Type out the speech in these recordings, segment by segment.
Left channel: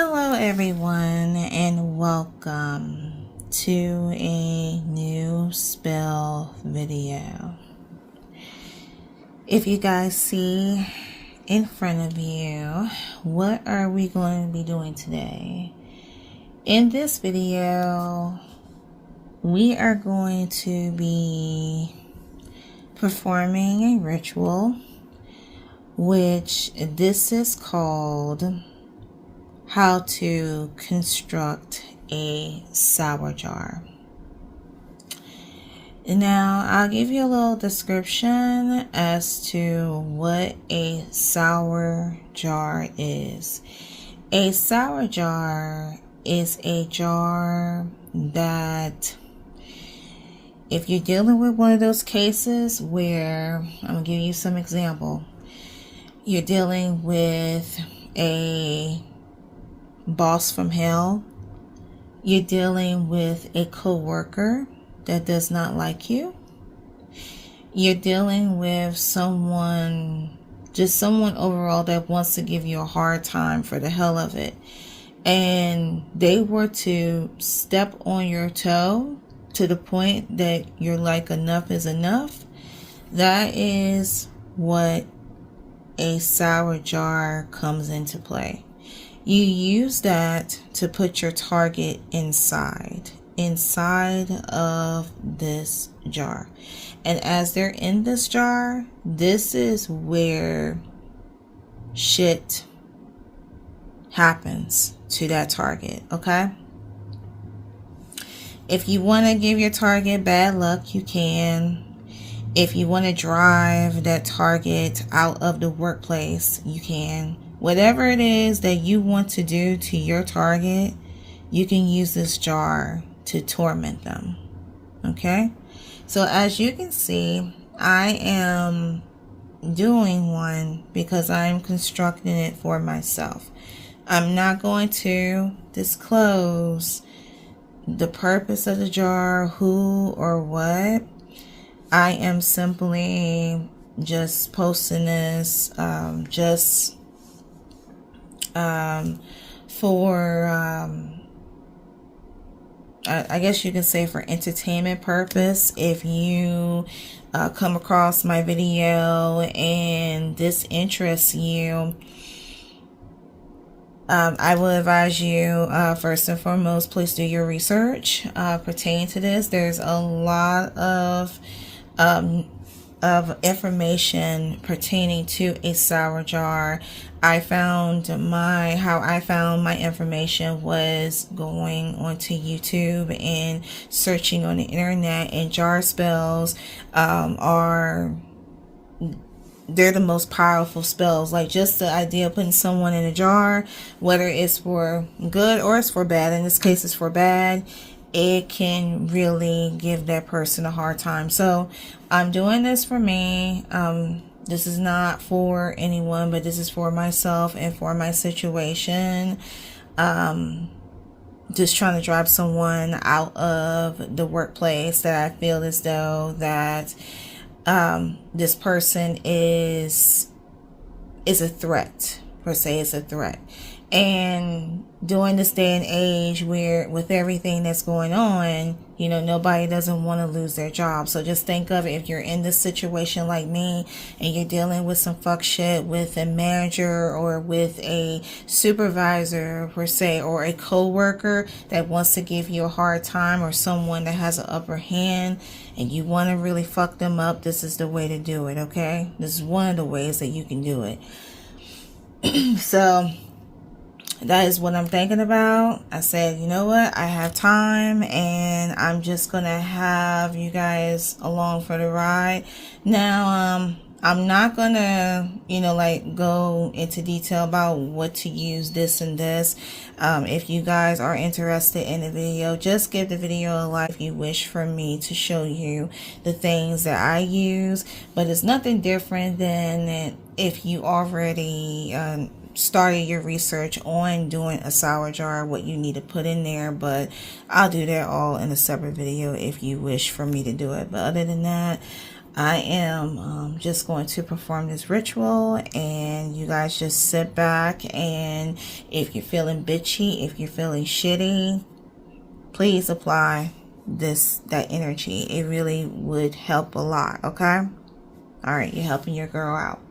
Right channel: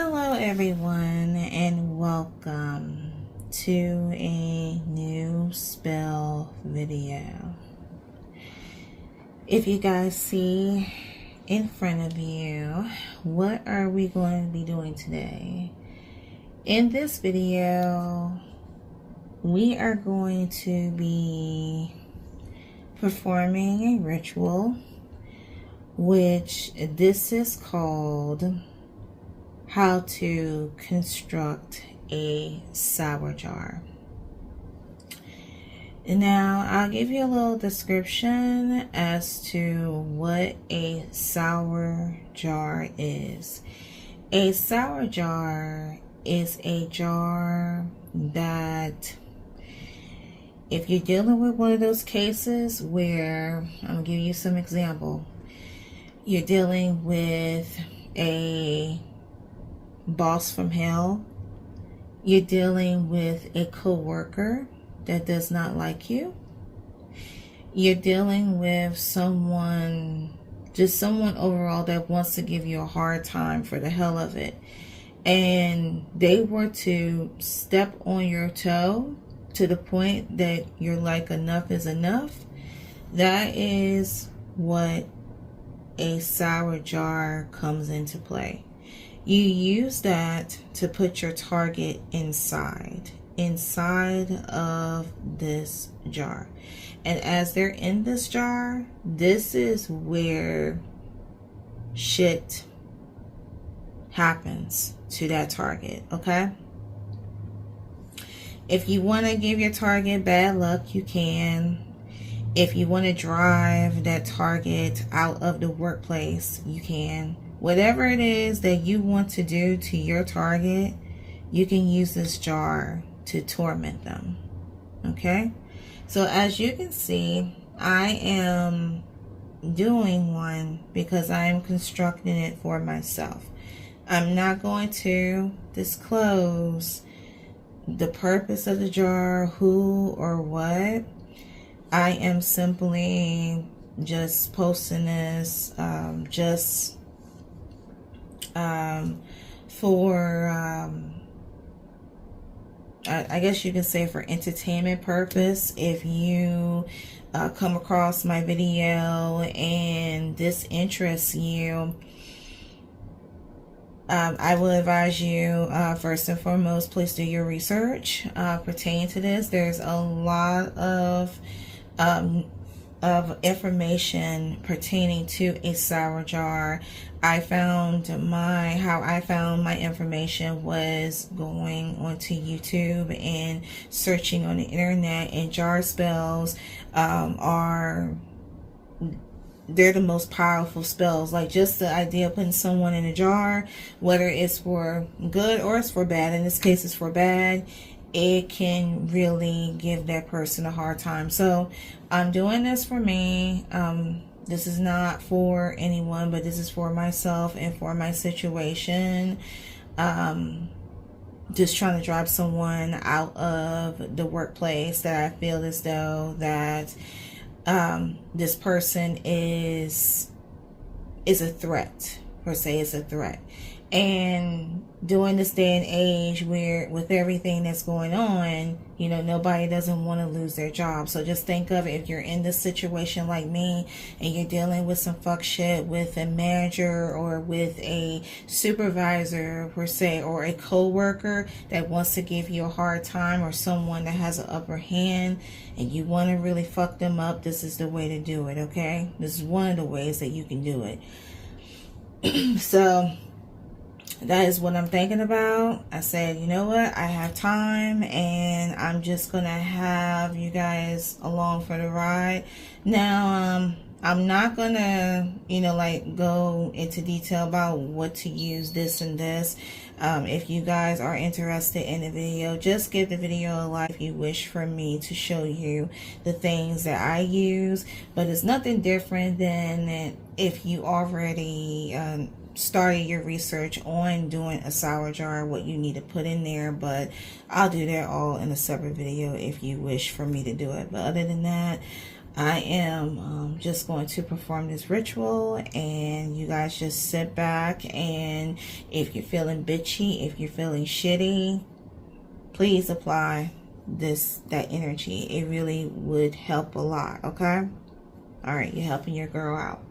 Hello everyone and welcome to a new spell video. If you guys see in front of you, what are we going to be doing today? In this video, we are going to be performing a ritual, which this is called how to construct a sour jar. Now, I'll give you a little description as to what a sour jar is. A sour jar is a jar that, if you're dealing with one of those cases where, I'll give you some example, you're dealing with a boss from hell, you're dealing with a co-worker that does not like you, you're dealing with someone, just someone overall that wants to give you a hard time for the hell of it, and they were to step on your toe to the point that you're like, enough is enough. That is what a sour jar comes into play. You use that to put your target inside of this jar. And as they're in this jar, this is where shit happens to that target, okay? If you want to give your target bad luck, you can. If you want to drive that target out of the workplace, you can. Whatever it is that you want to do to your target, you can use this jar to torment them. Okay? So as you can see, I am doing one because I am constructing it for myself. I'm not going to disclose the purpose of the jar, who or what. I am simply just posting this for I guess you can say for entertainment purpose. If you come across my video and this interests you, I will advise you, first and foremost, please do your research pertaining to this. There's a lot of information pertaining to a sour jar. How I found my information was going onto YouTube and searching on the internet, and jarspells they're the most powerful spells. Like, just the idea of putting someone in a jar, whether it's for good or it's for bad, in this case it's for bad, it can really give that person a hard time. So I'm doing this for me. This is not for anyone, but this is for myself and for my situation. Just trying to drive someone out of the workplace that I feel as though that this person is a threat, per se, is a threat. And during this day and age where with everything that's going on, you know, nobody doesn't want to lose their job. So just think of it, if you're in this situation like me and you're dealing with some fuck shit with a manager or with a supervisor, per se, or a co-worker that wants to give you a hard time, or someone that has an upper hand and you want to really fuck them up, this is the way to do it, okay? This is one of the ways that you can do it. So that is what I'm thinking about. I said, you know what, I have time and I'm just gonna have you guys along for the ride. Now, I'm not gonna, you know, like go into detail about what to use, this and this. If you guys are interested in the video, just give the video a like if you wish for me to show you the things that I use. But it's nothing different than if you already started your research on doing a sour jar, what you need to put in there. But I'll do that all in a separate video if you wish for me to do it. But other than that, I am just going to perform this ritual, and you guys just sit back, and if you're feeling bitchy, if you're feeling shitty, please apply that energy. It really would help a lot. Okay. All right, you're helping your girl out.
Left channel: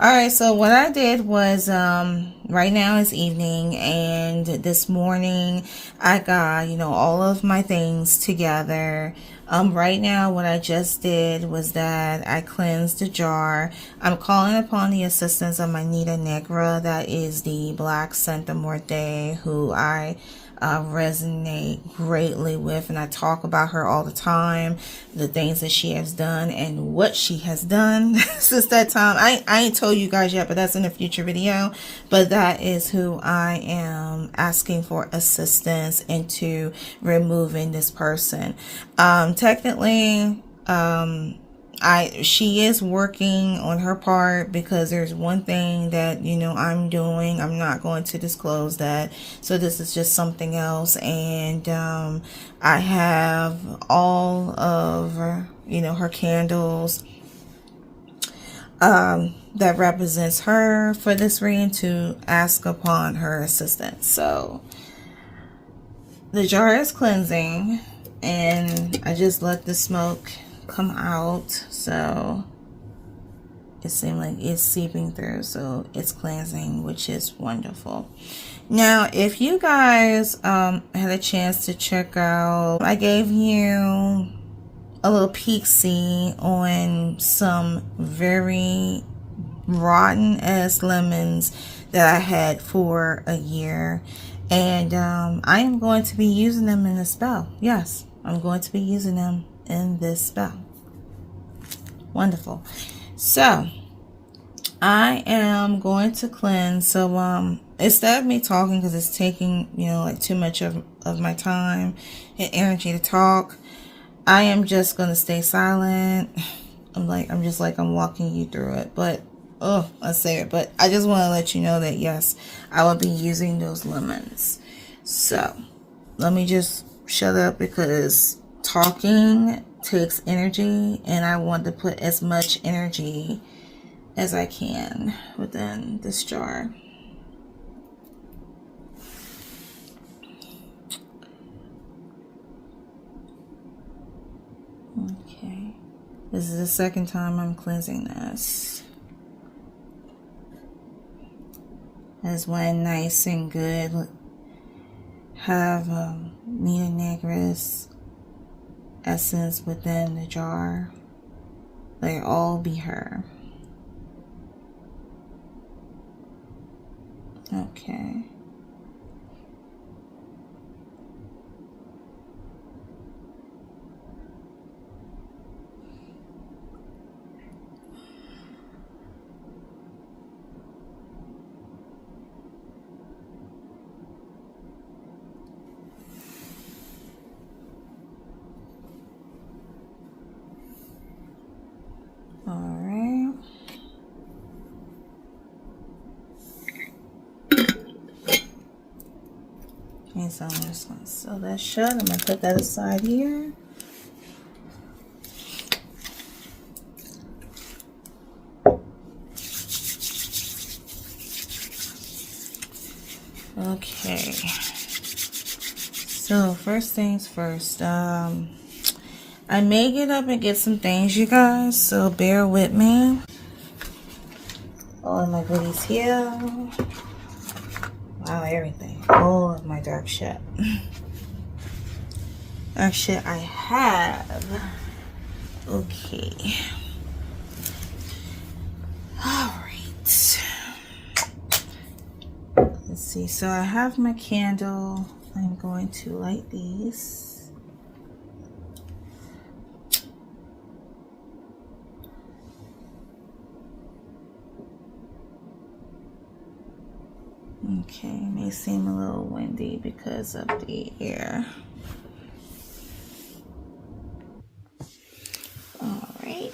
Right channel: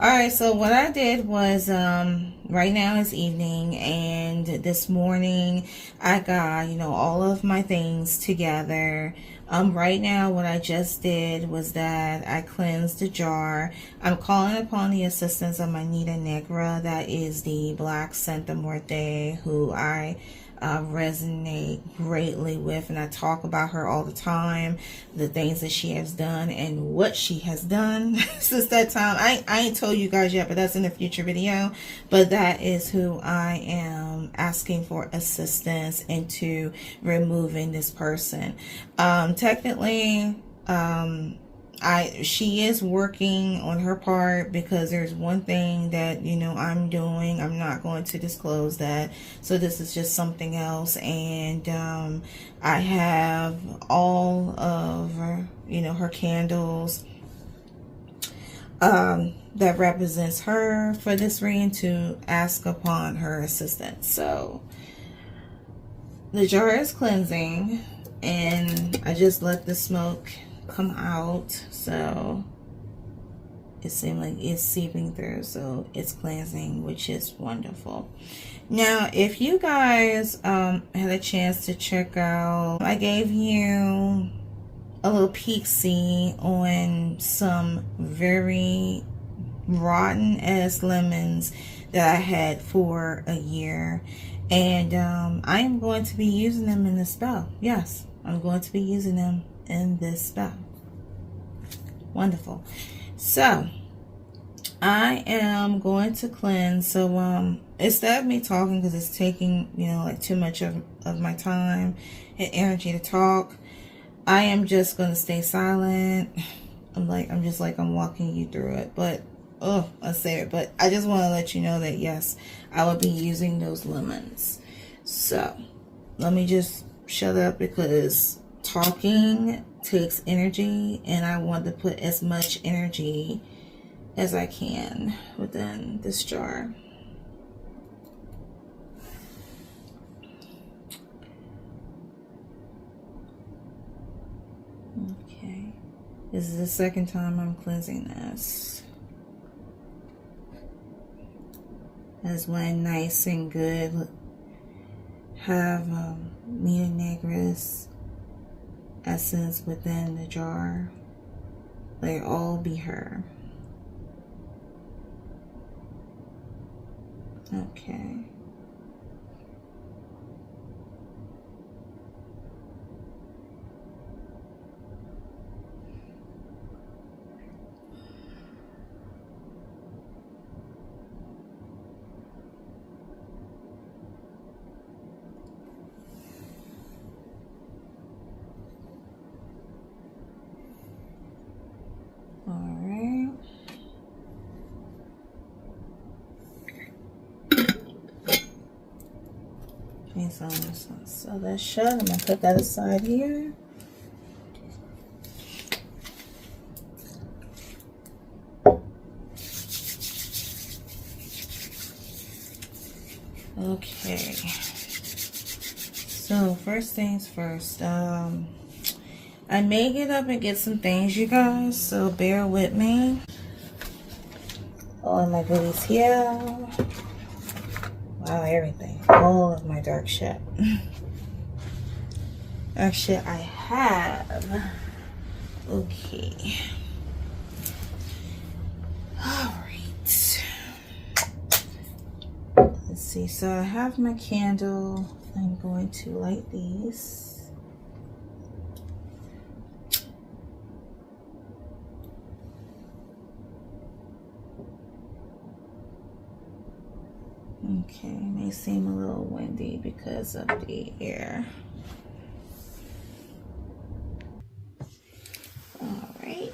All right, so what I did was right now it's evening, and this morning I got, you know, all of my things together. Right now what I just did was that I cleansed the jar. I'm calling upon the assistance of my Nita Negra, that is the Black Santa Muerte, who I resonate greatly with, and I talk about her all the time, the things that she has done and what she has done since that time. I ain't told you guys yet, but that's in a future video. But that is who I am asking for assistance into removing this person. Technically, she is working on her part, because there's one thing that, you know, I'm doing. I'm not going to disclose that. So this is just something else. And I have all of, you know, her candles that represents her for this reading, to ask upon her assistance. So the jar is cleansing, and I just let the smoke come out, so it seemed like it's seeping through, so it's cleansing, which is wonderful. Now, if you guys had a chance to check out, I gave you a little peek-see on some very rotten ass lemons that I had for a year, and I am going to be using them in the spell. Yes, I'm going to be using them in this spell. Wonderful. So I am going to cleanse. So instead of me talking, because it's taking, you know, like too much of my time and energy to talk, I am just going to stay silent. I'm walking you through it. But I say it, but I just want to let you know that yes, I will be using those lemons. So let me just shut up, because talking takes energy, and I want to put as much energy as I can within this jar. Okay, this is the second time I'm cleansing this. That's why nice and good. Have Nita Negra's essence within the jar. They all be her. Okay. Okay, so I'm just going to sew that shut. I'm going to put that aside here. Okay. So first things first. I may get up and get some things, you guys, so bear with me. All of my goodies here. Wow, everything. All of my dark shit. Dark shit I have. Okay. Alright. Let's see. So I have my candle. I'm going to light these. Okay, it may seem a little windy because of the air. All right.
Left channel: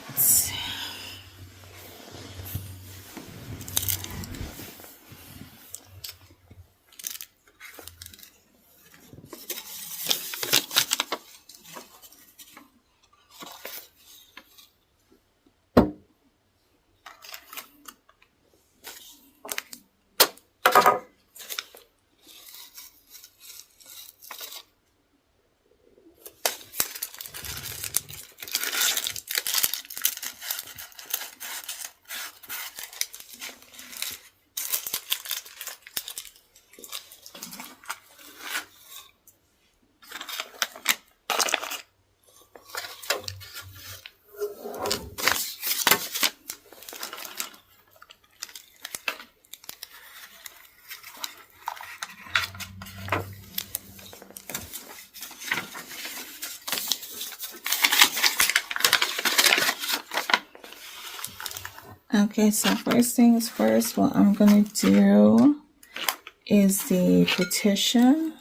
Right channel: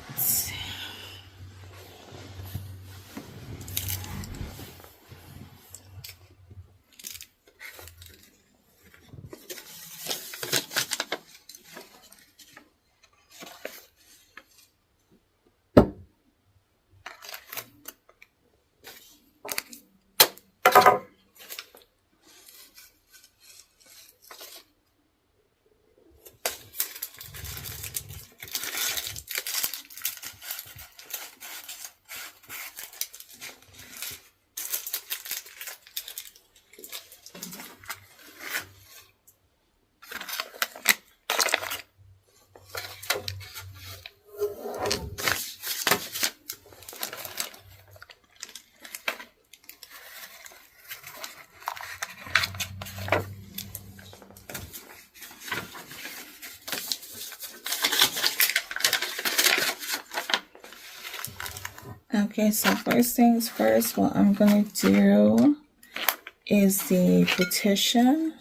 Okay, so first things first, what I'm going to do is the petition.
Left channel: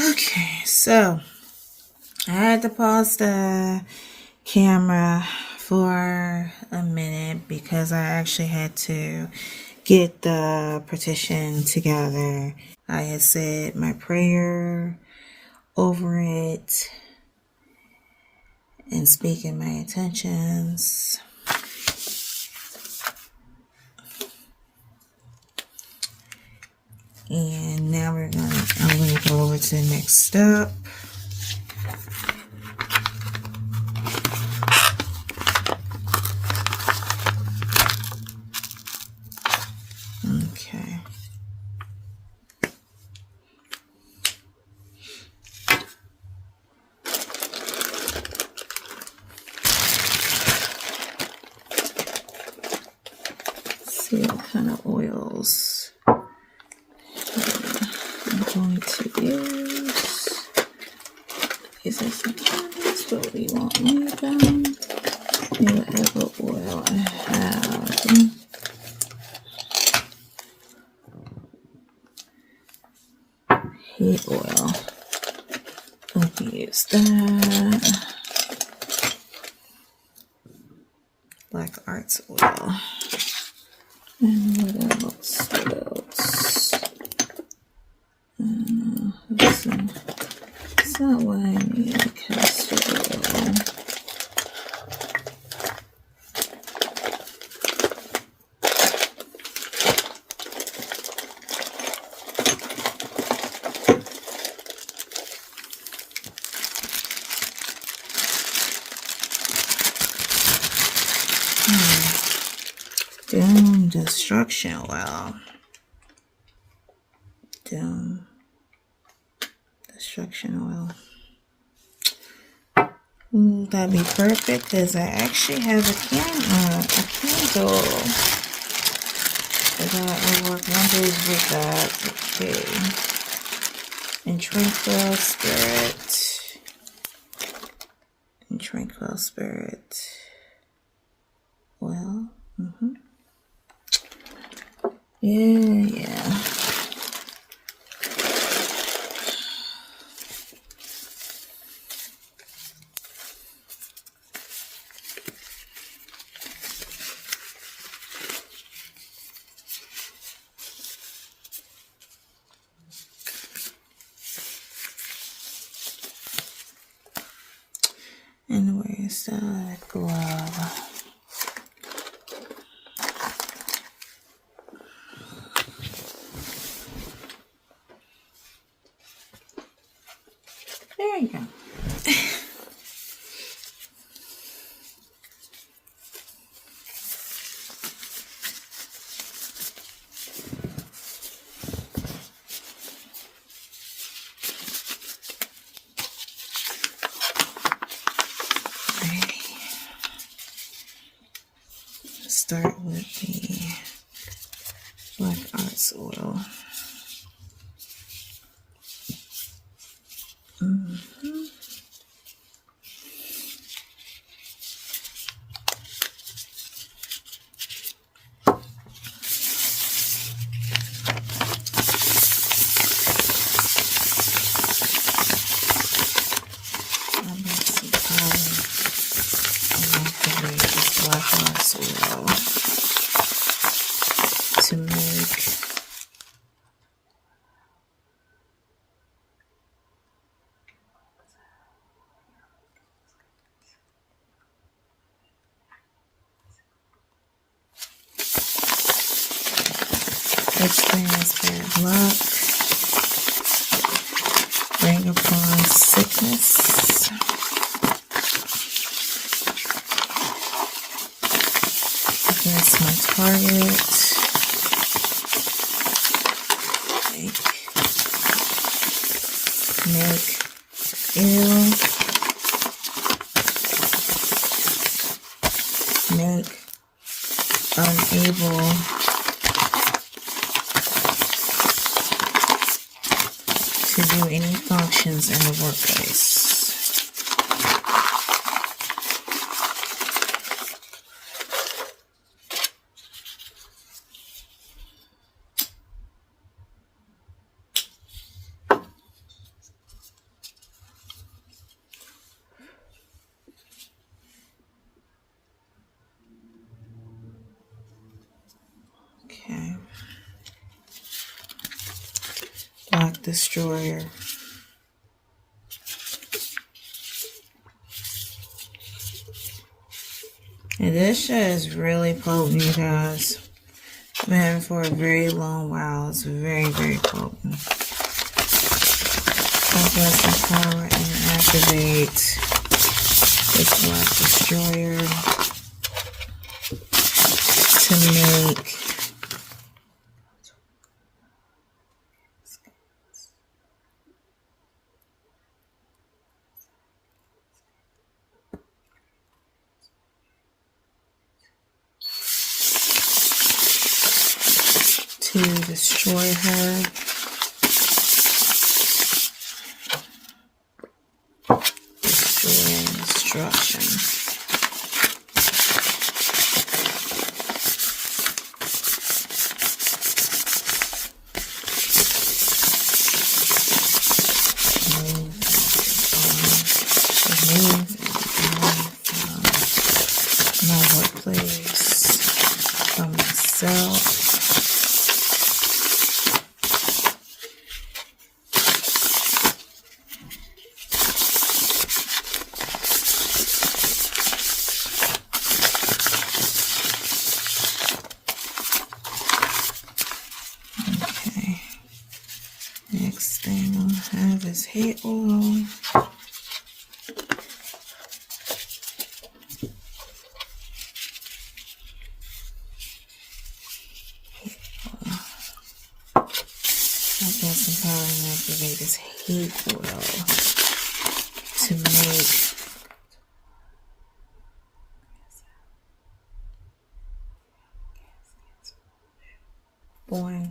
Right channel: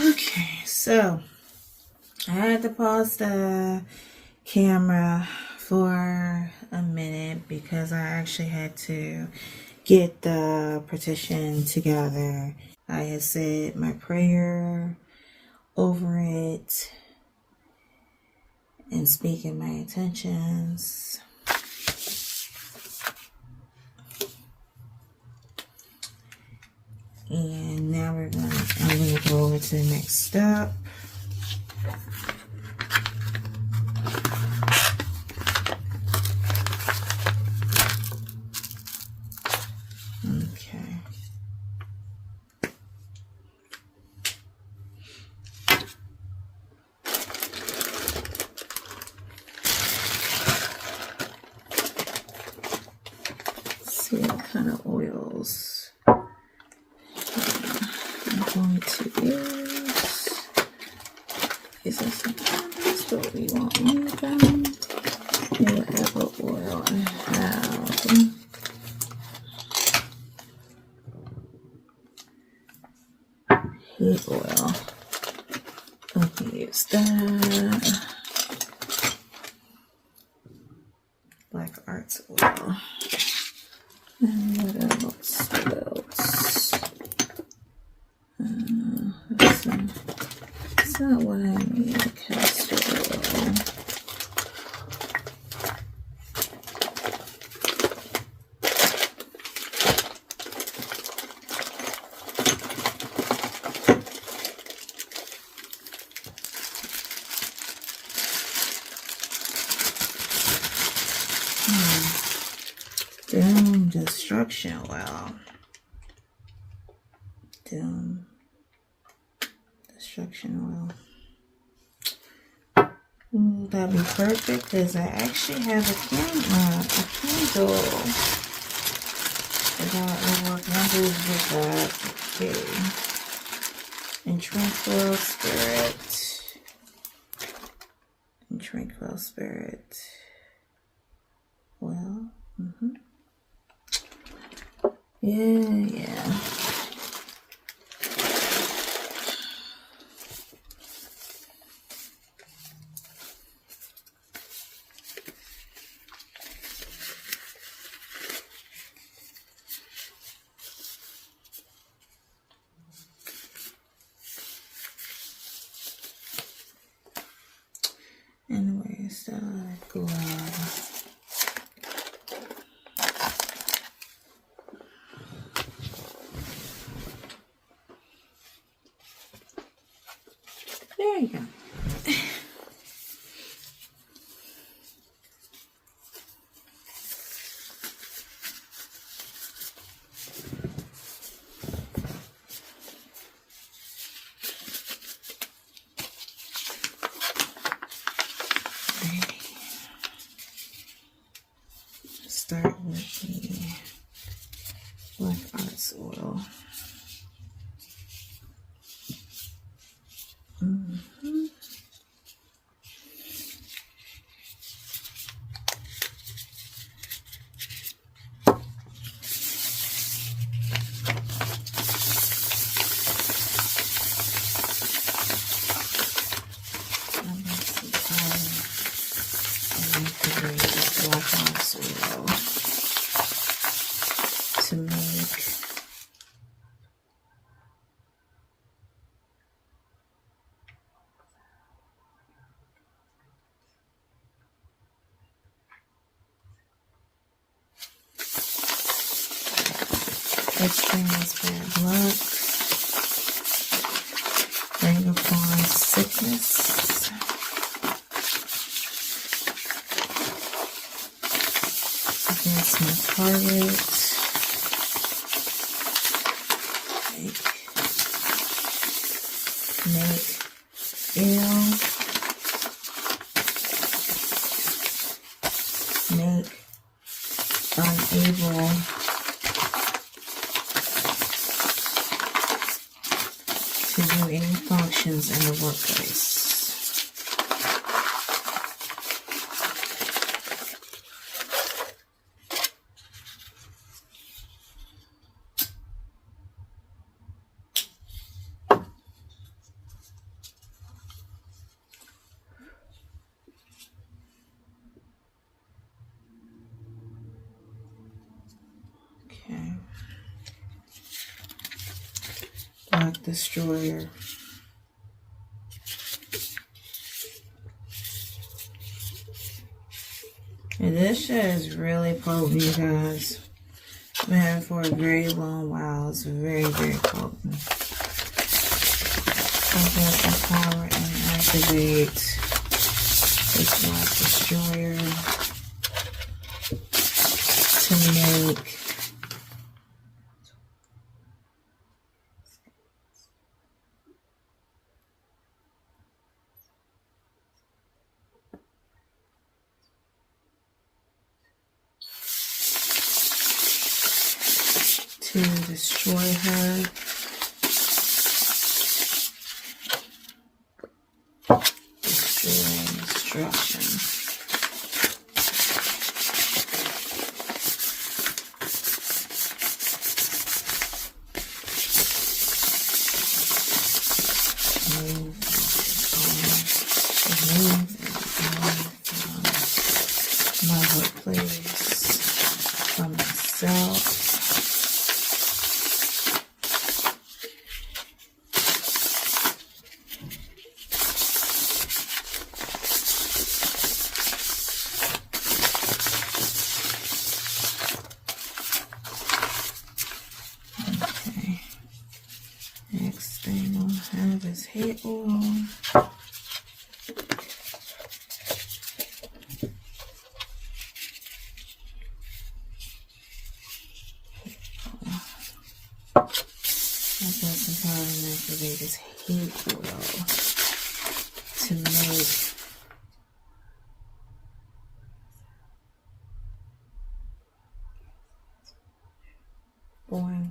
Okay, so I had to pause the camera for a minute because I actually had to get the petition together. I had said my prayer over it and speaking my intentions. And now I'm gonna go over to the next step. Okay. Let's see what kind of oils I'm going to use. Is this sometimes what we won't need them? Whatever oil I have. Heat oil. Going to use that. Black Arts oil. And what else? It's not what I need. Castor oil. Doom destruction oil. Doom destruction oil. Ooh, that'd be perfect because I actually have a candle. That'll work wonders with that. Okay. And tranquil spirit. And tranquil spirit. Well. Yeah. And where's the glove? There you go. Start with the Black Arts oil. To make experience bad luck, bring upon sickness, against my target. Make ill, make unable to do any functions in the workplace. Okay. Black Destroyer. And this shit is really potent, you guys. Man, for a very long while, it's very, very potent. Bless and power and activate this Black Destroyer to make to destroy her. Destroy destruction. Remove from my workplace, from myself. Next thing I'm gonna have is hair oil. I've got some power and activate this hate oil to make born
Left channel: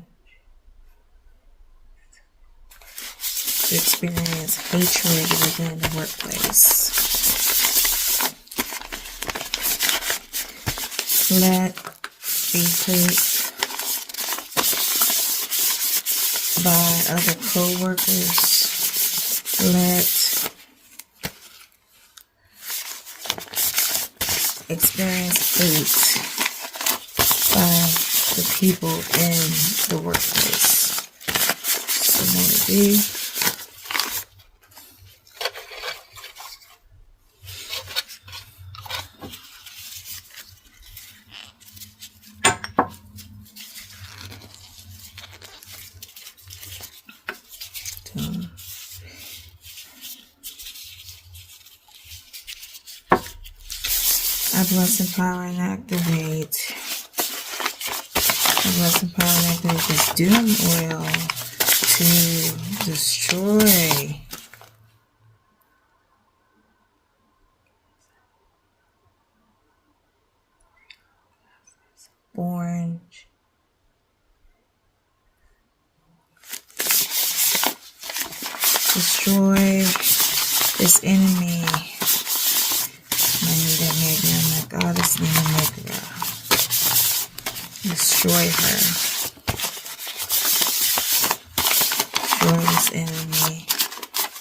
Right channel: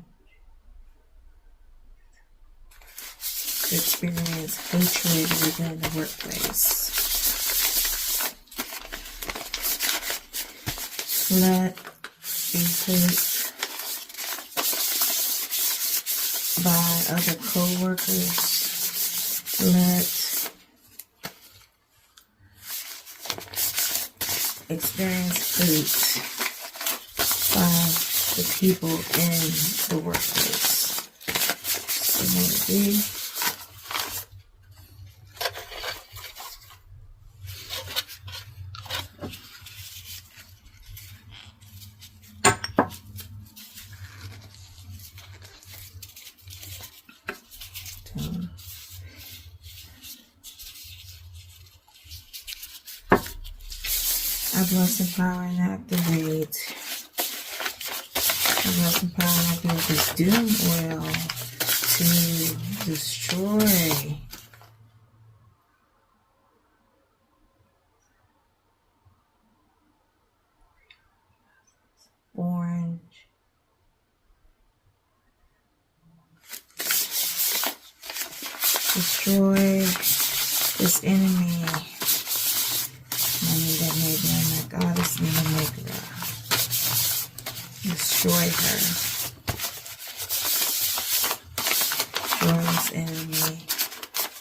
to experience hatred within the workplace. Let be hurt by other co-workers. Let experience hate by the people in the workplace. So let it be. I bless, empower, and activate. I bless, empower, and activate this doom oil to destroy born destroy this enemy. My goddess name, destroy her. Destroy this enemy.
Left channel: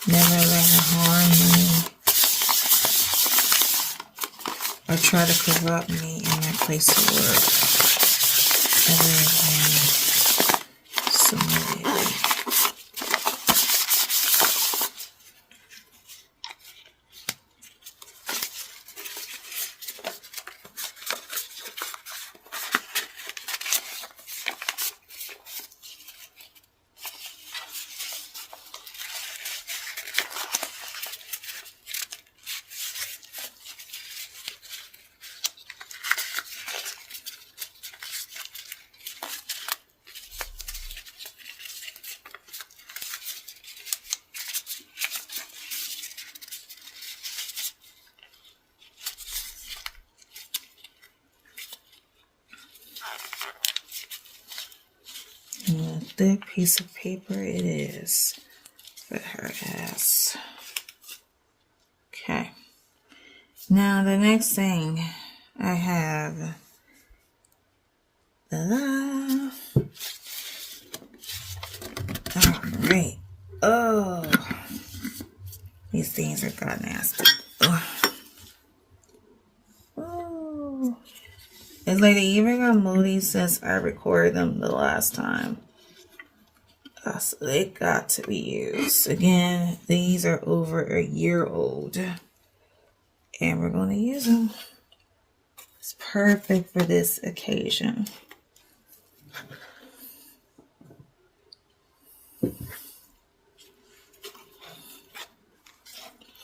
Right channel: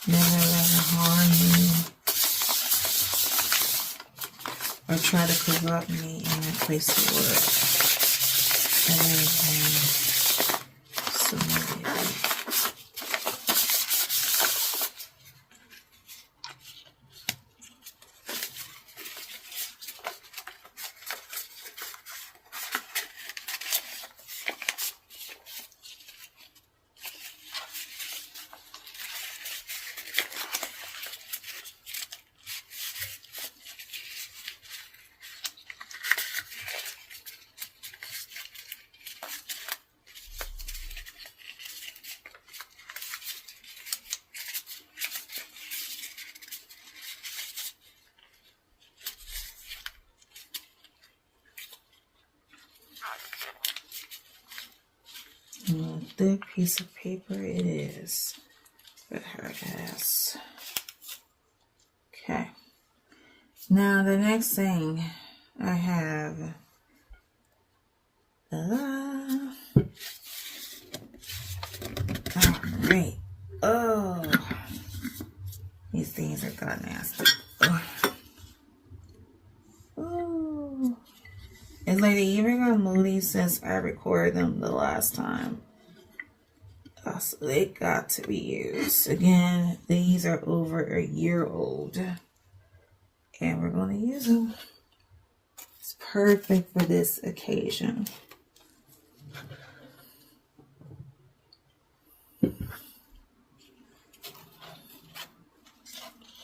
Never let her harm me or try to corrupt me in my place of work. Ever again. Submitted. And a thick piece of paper it is. put her as. Okay. Now the next thing I have. Alright. Oh. These things are god nasty. Oh. It's like they even got moody since I recorded them the last time. So they got to be used. Again, these are over a year old. And we're going to use them. It's perfect for this occasion.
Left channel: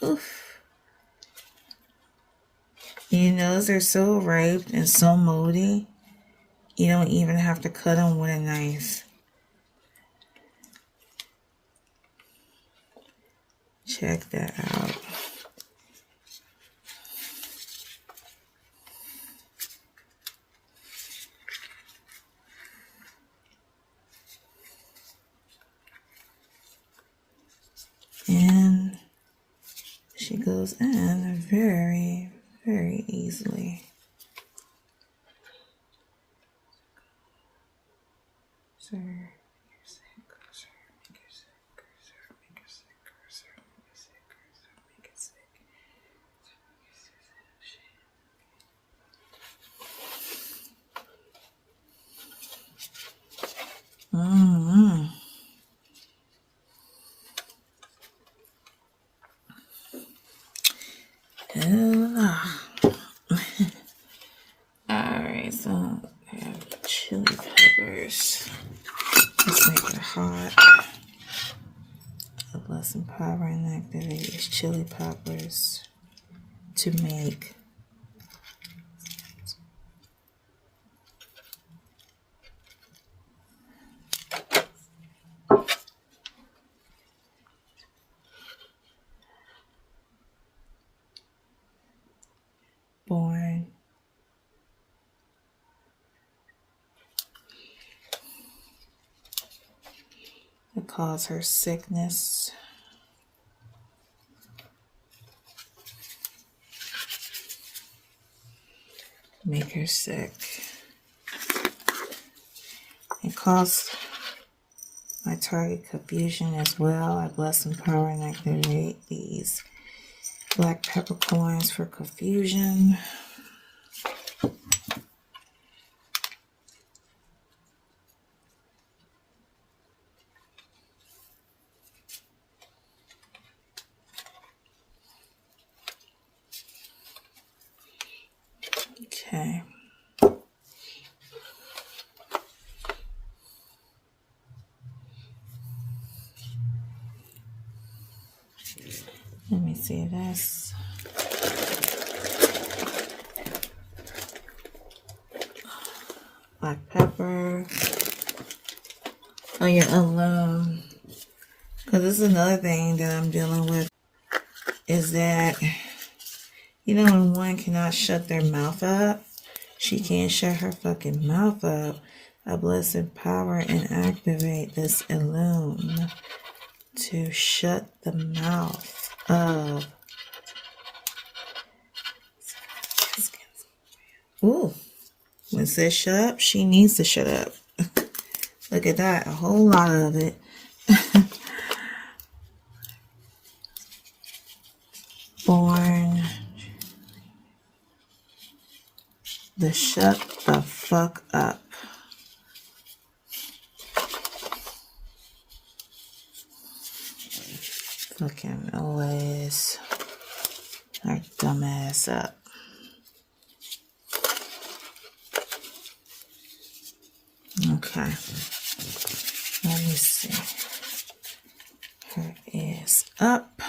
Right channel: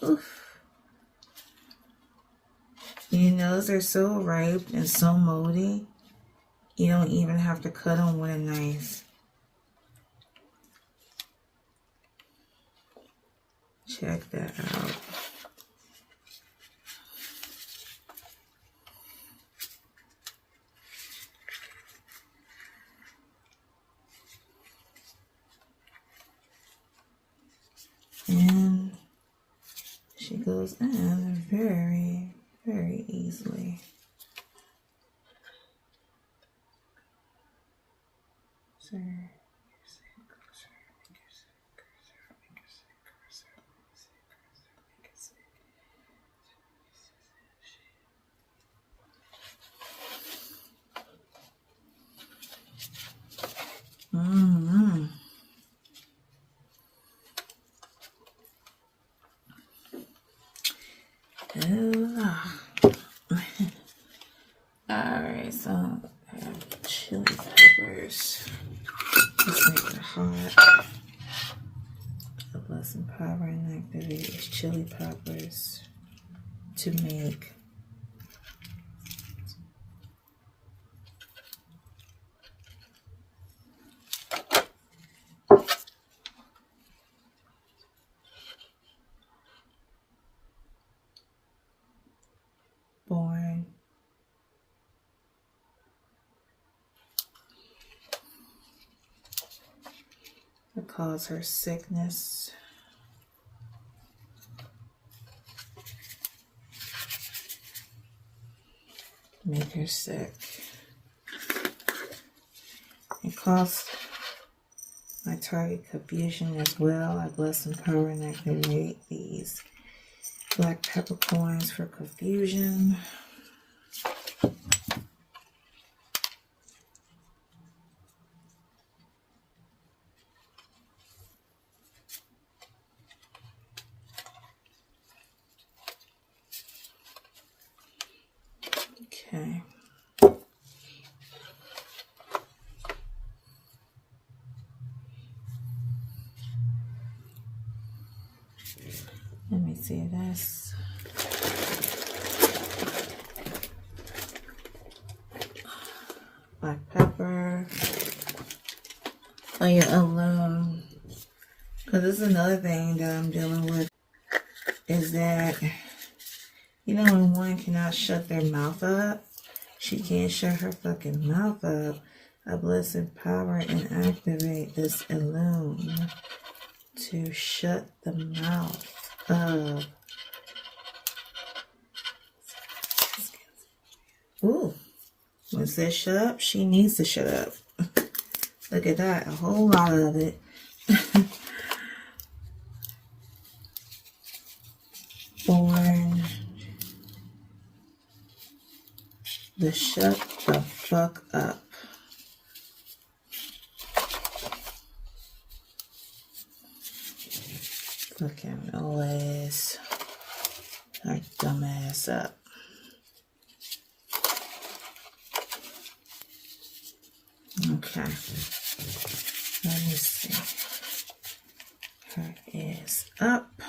Oof. You know, they're so ripe and so moldy, you don't even have to cut them with a knife. Check that out. And she goes in very, very easily. Mm-hmm. Alright, so I have chili peppers. Let's make it hot. A blessing power and activate these chili peppers to make born. It cause her sickness. Make her sick. It caused my target confusion as well. I bless, empower, and activate these black peppercorns for confusion. Okay. Let me see this. Black pepper. Oh yeah, alone. Because this is another thing that I'm dealing with. Is that, you know, when one cannot shut their mouth up, she can't shut her fucking mouth up. I bless, empower, and activate this alone to shut the mouth of. Ooh, when it says shut up, she needs to shut up. Look at that, a whole lot of it. Born the shut the fuck up. Fucking always our dumb ass up. Okay. Let me see. Her is up.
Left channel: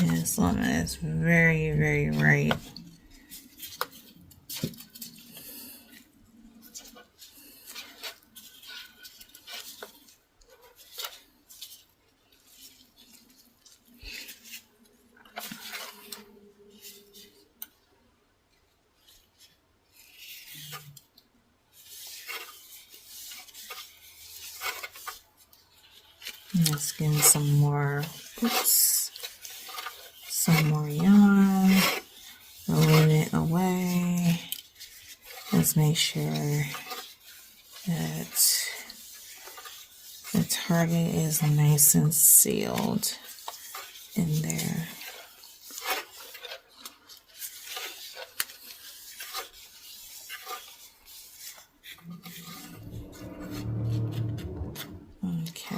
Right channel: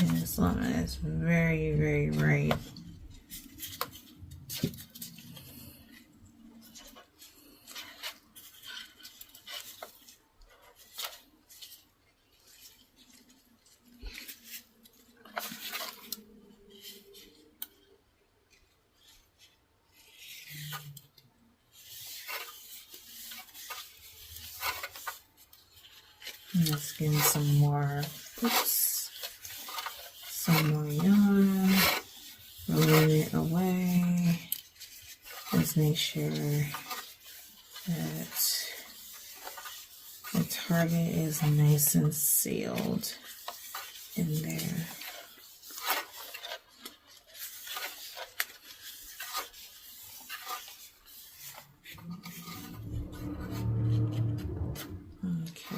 This lemon is very, very ripe. Let's get some more, some more yarn, rolling it away. Let's make sure that the target is nice and sealed in there. Okay.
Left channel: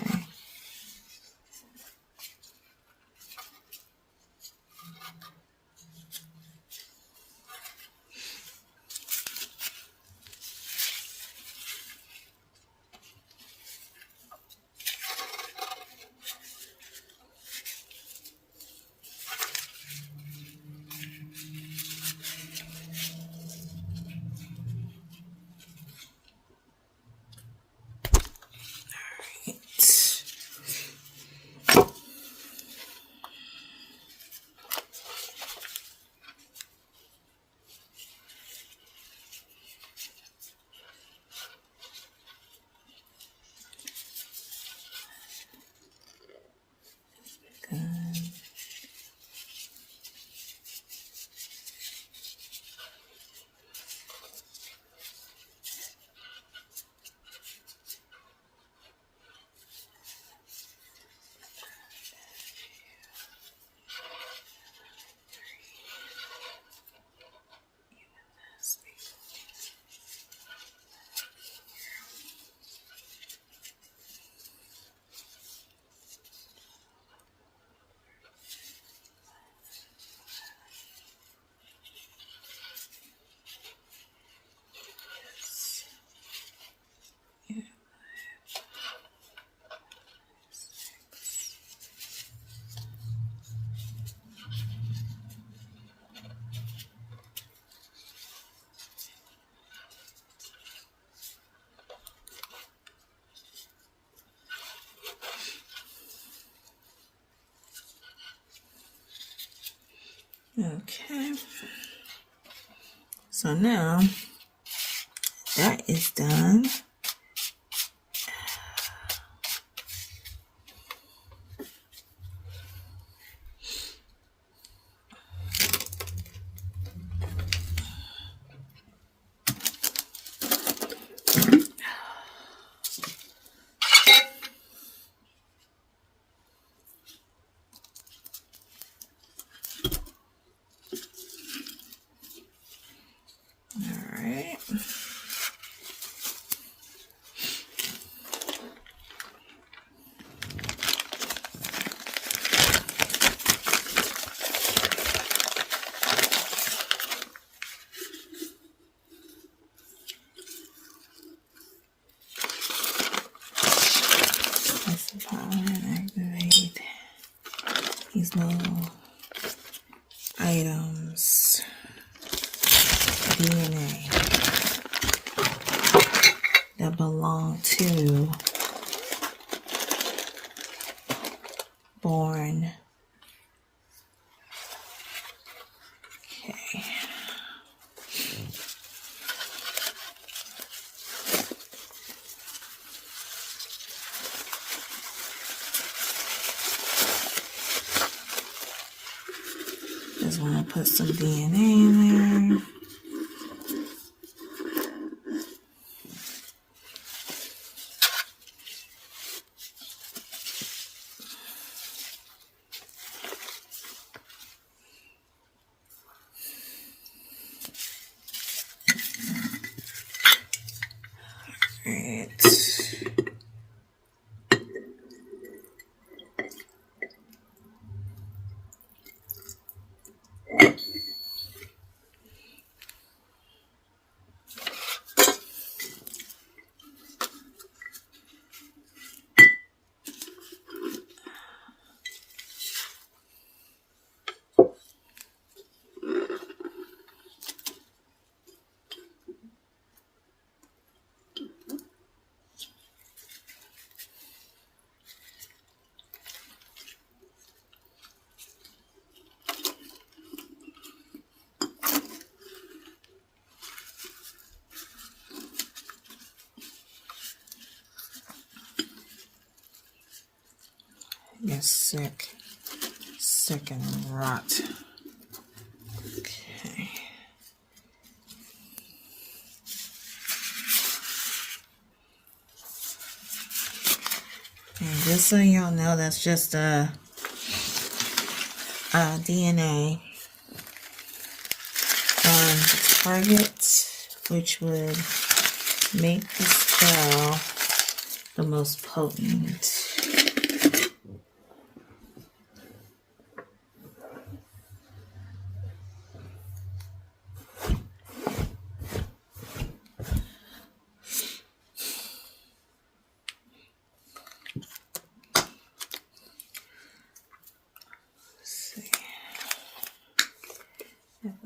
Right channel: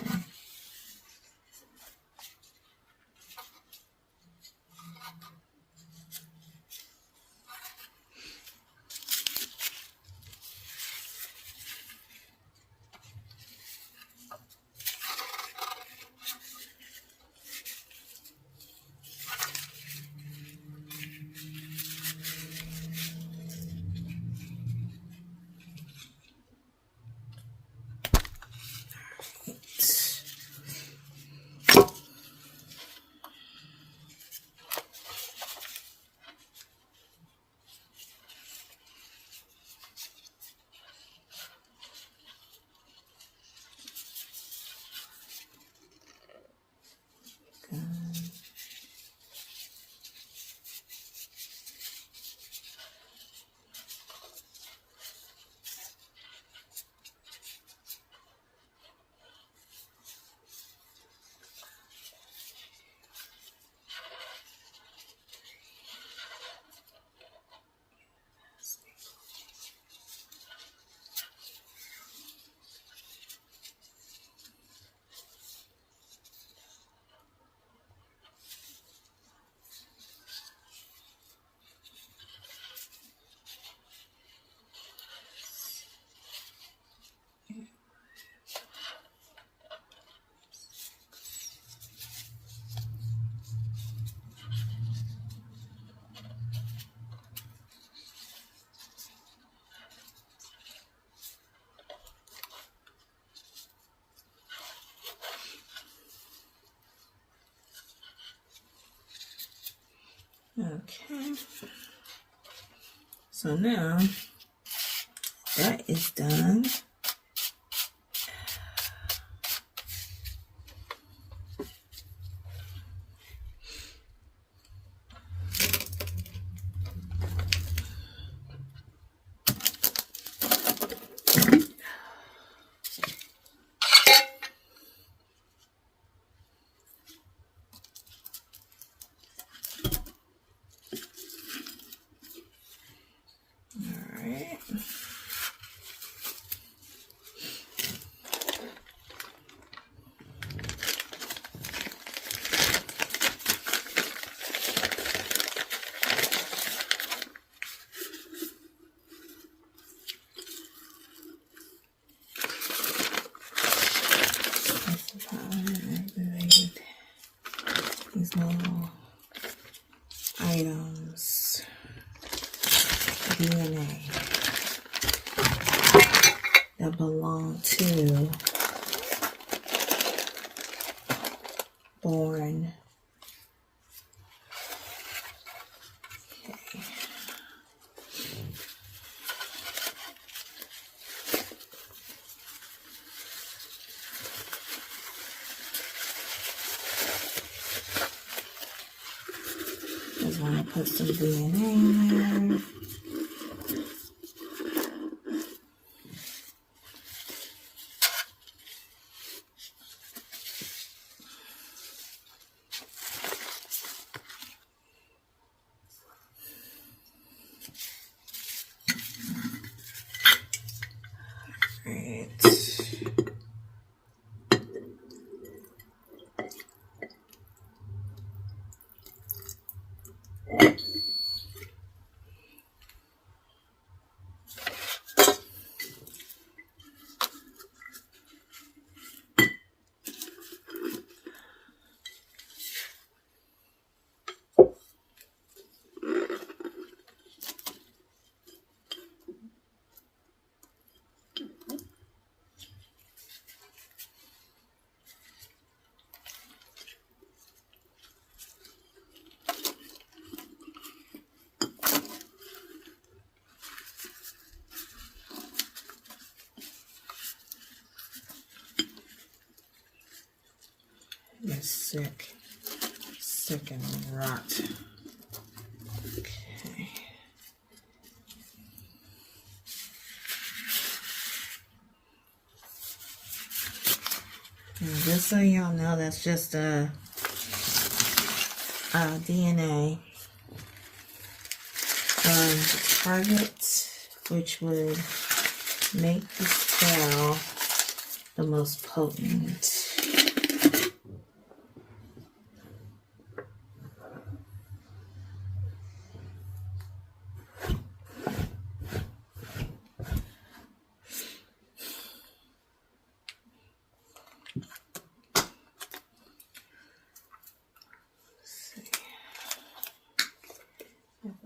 Okay, so now that is done. Activate these little items. DNA that belong to born. Okay. Just want to put some DNA in there. You're sick. Sick and rot. Okay. And just so y'all know, that's just a DNA from the target, which would make the spell the most potent.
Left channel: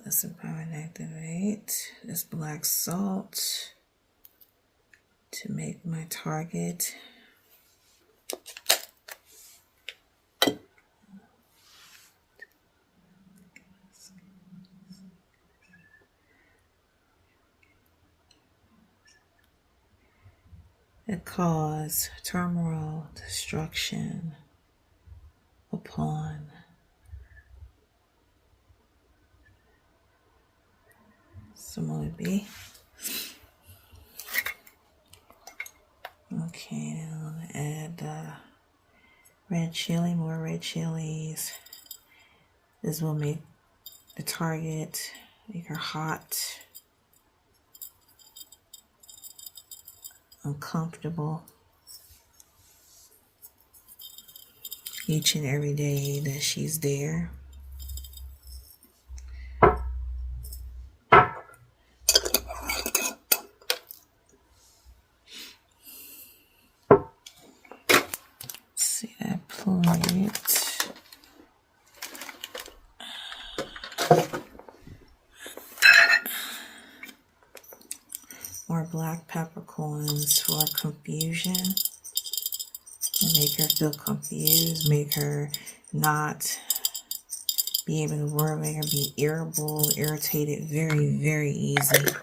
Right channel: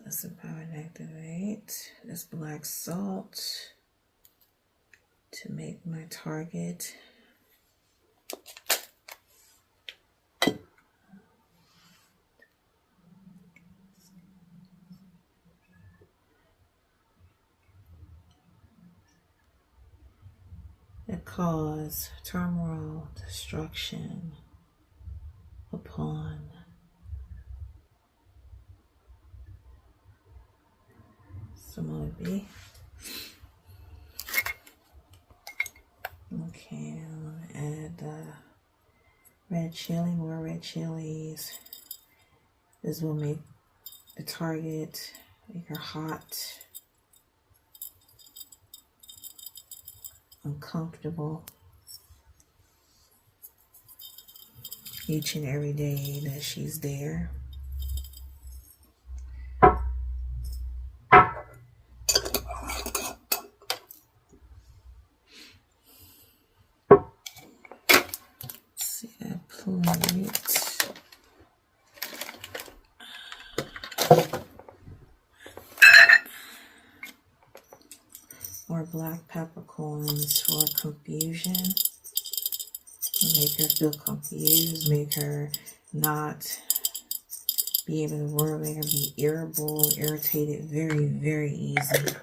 Let's empower and activate this black salt to make my target cause turmoil, destruction upon someone would be. Okay, then I'm gonna add red chili, more red chilies. This will make the target, make her hot, uncomfortable each and every day that she's there. See that plate. More black peppercorns for confusion. Make her feel confused, make her not be able to work, make her be irritable, irritated very, very easy.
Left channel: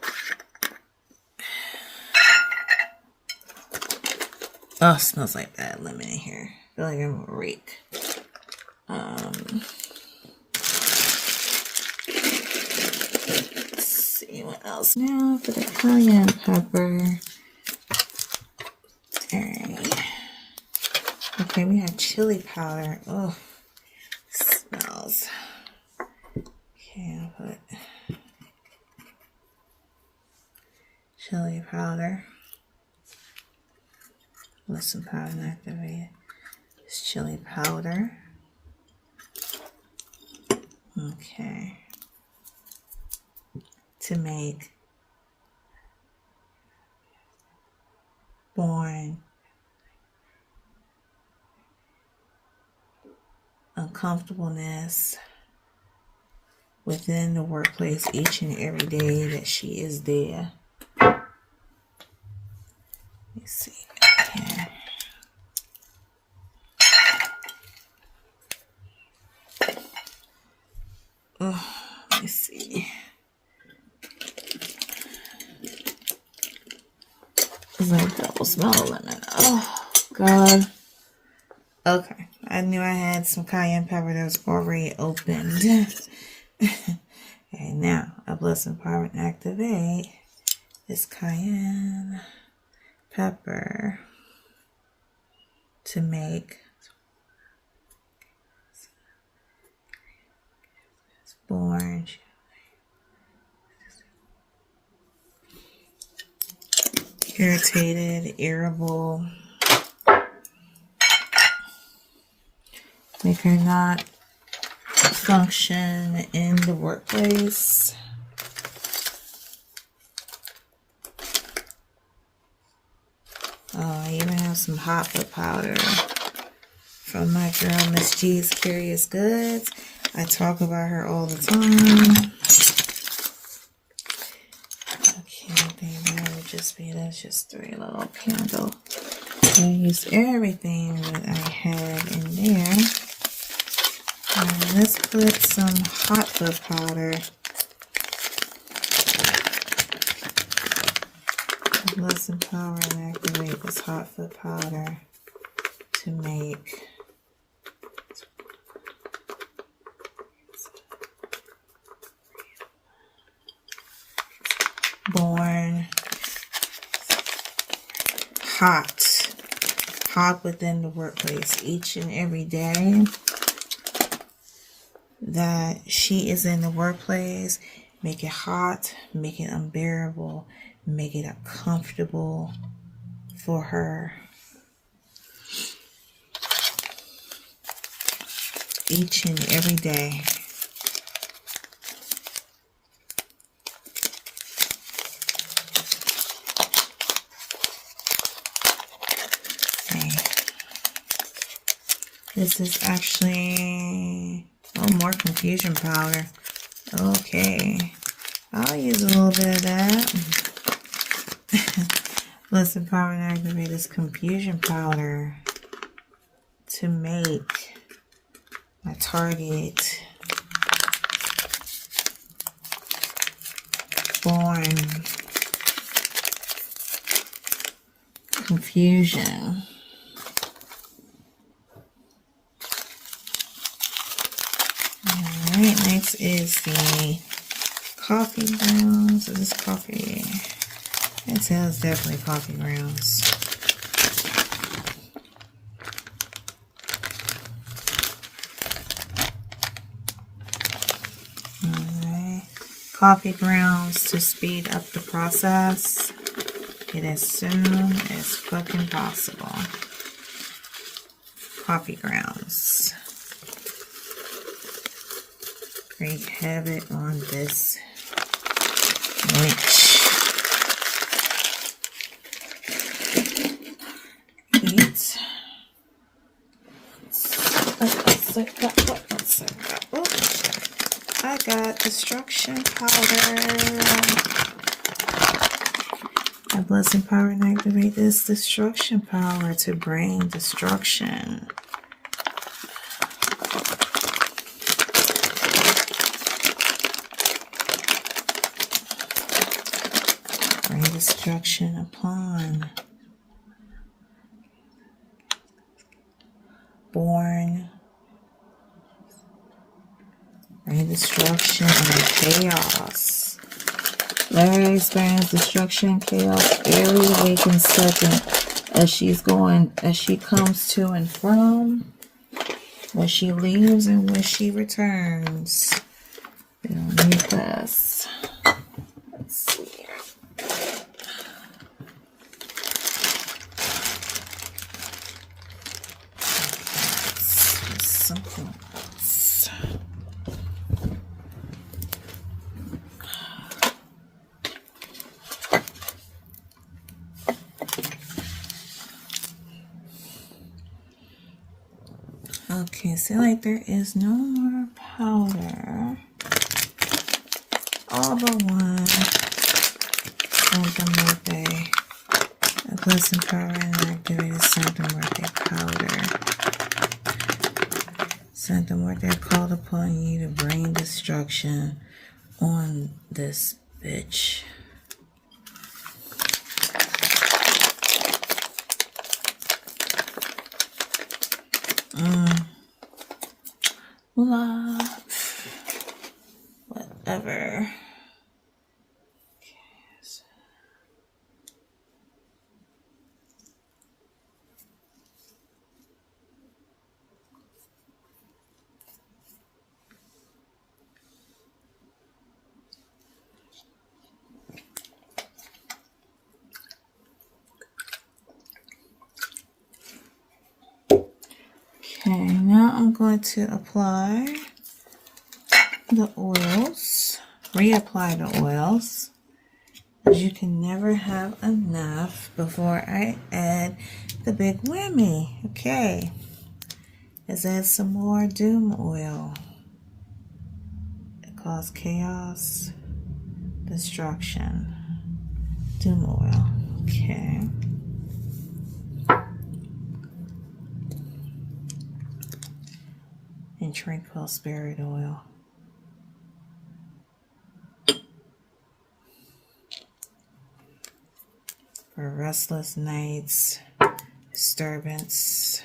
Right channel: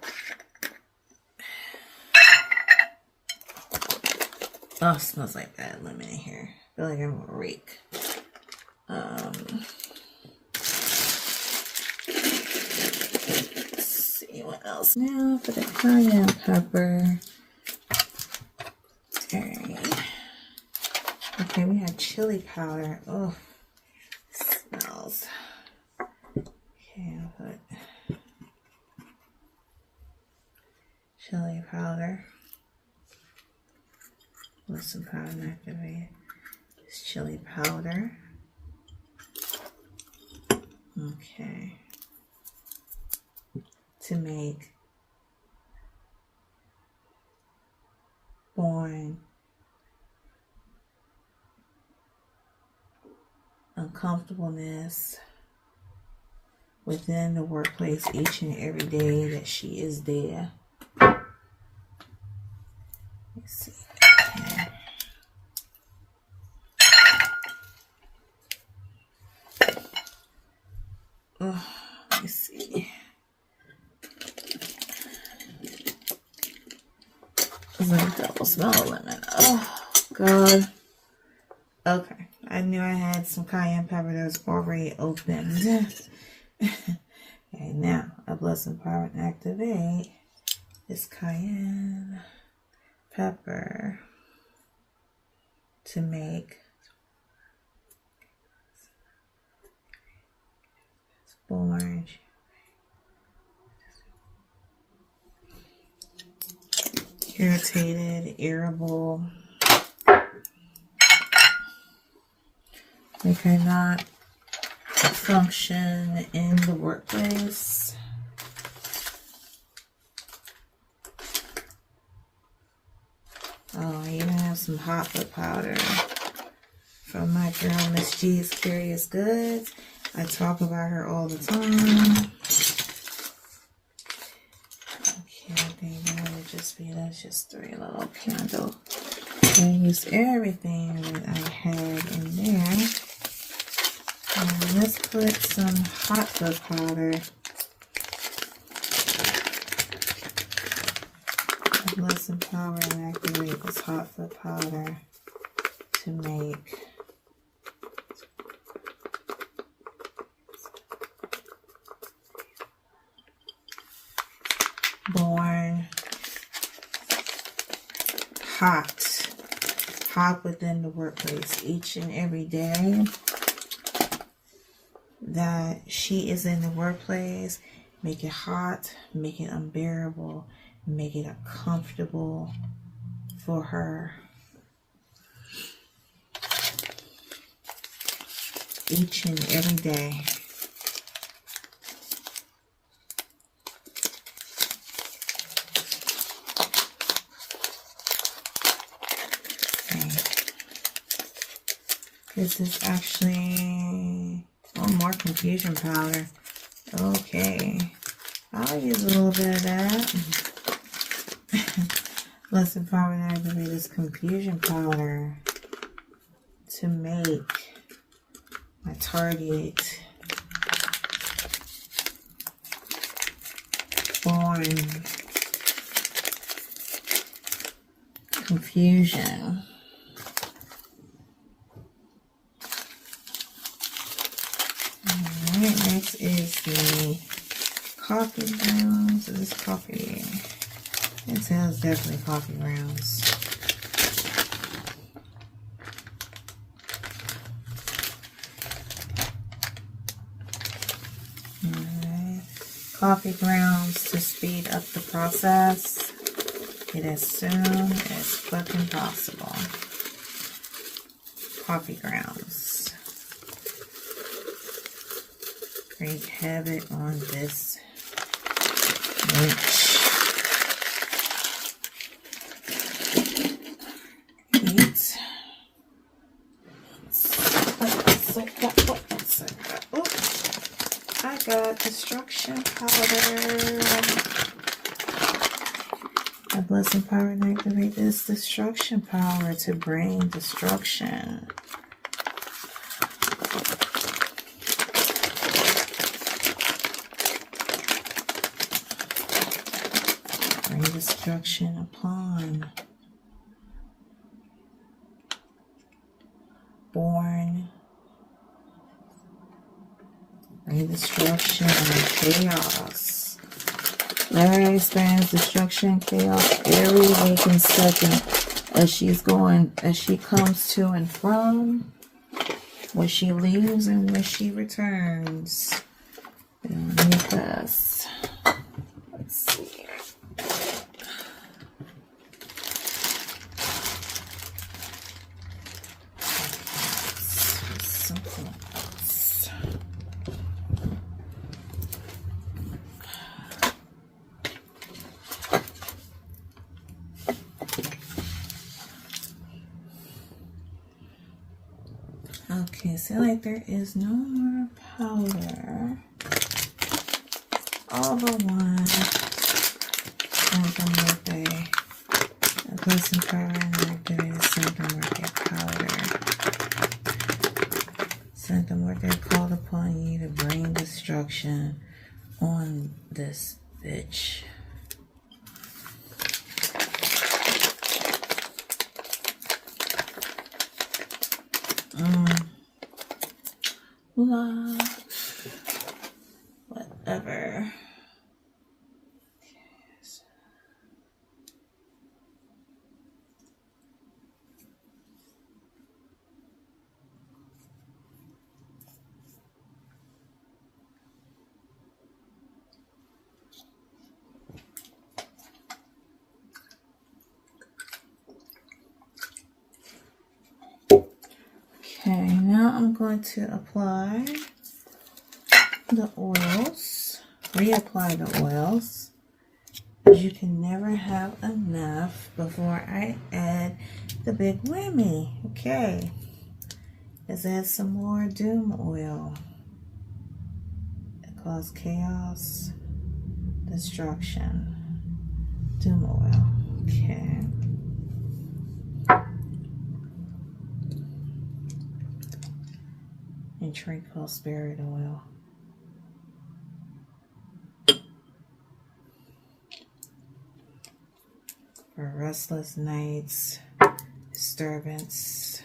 Oh, it smells like bad lemon in here. I feel like I'm a rake. Let's see what else now for the cayenne pepper. Alright. Okay, we have chili powder. Oh, smells. Okay, I'll put chili powder. Listen, powder and activate. It's chili powder. Okay. To make born uncomfortableness within the workplace each and every day that she is there. Let me see. Okay. Oh, let me see. It's like a double smell of lemon. Oh, God. Okay. I knew I had some cayenne pepper that was already opened. Okay, now a blessing power and activate this cayenne pepper to make orange, irritated, irritable, make her not function in the workplace. Oh, I even have some hot foot powder from my girl Miss G's Curious Goods. I talk about her all the time. Okay, I think that would just be, that's just 3 little candles. I used everything that I had in there. And let's put some hot foot powder. Listen, power and activate this hot foot powder to make hot within the workplace each and every day that she is in the workplace. Make it hot, make it unbearable, make it uncomfortable for her. Each and every day. This is actually more confusion powder. Okay, I'll use a little bit of that. Let's empower and activate this confusion powder to make my target born confusion. Alright, next is the coffee grounds. Is this coffee? It says definitely coffee grounds. Alright, coffee grounds to speed up the process. It as soon as fucking possible. Coffee grounds. Wreak havoc on this witch. I got destruction powder. I bless, empower, and activate this destruction power to bring destruction. Bring destruction upon born. Bring destruction and chaos. Let her experience destruction, chaos every waking second as she comes to and from, where she leaves and where she returns. Let me pass. Let's see. Something else. Okay, see, like there is no more powder. All but one. Something birthday. A blessing power and activated something birthday powder. Something birthday called upon you to bring destruction on this bitch. Love. Whatever. Okay, now I'm going to apply the oils, reapply the oils, as you can never have enough before I add the big whammy. Okay, let's add some more doom oil. It causes chaos, destruction, doom oil. Okay. And tranquil spirit oil. For restless nights, disturbance,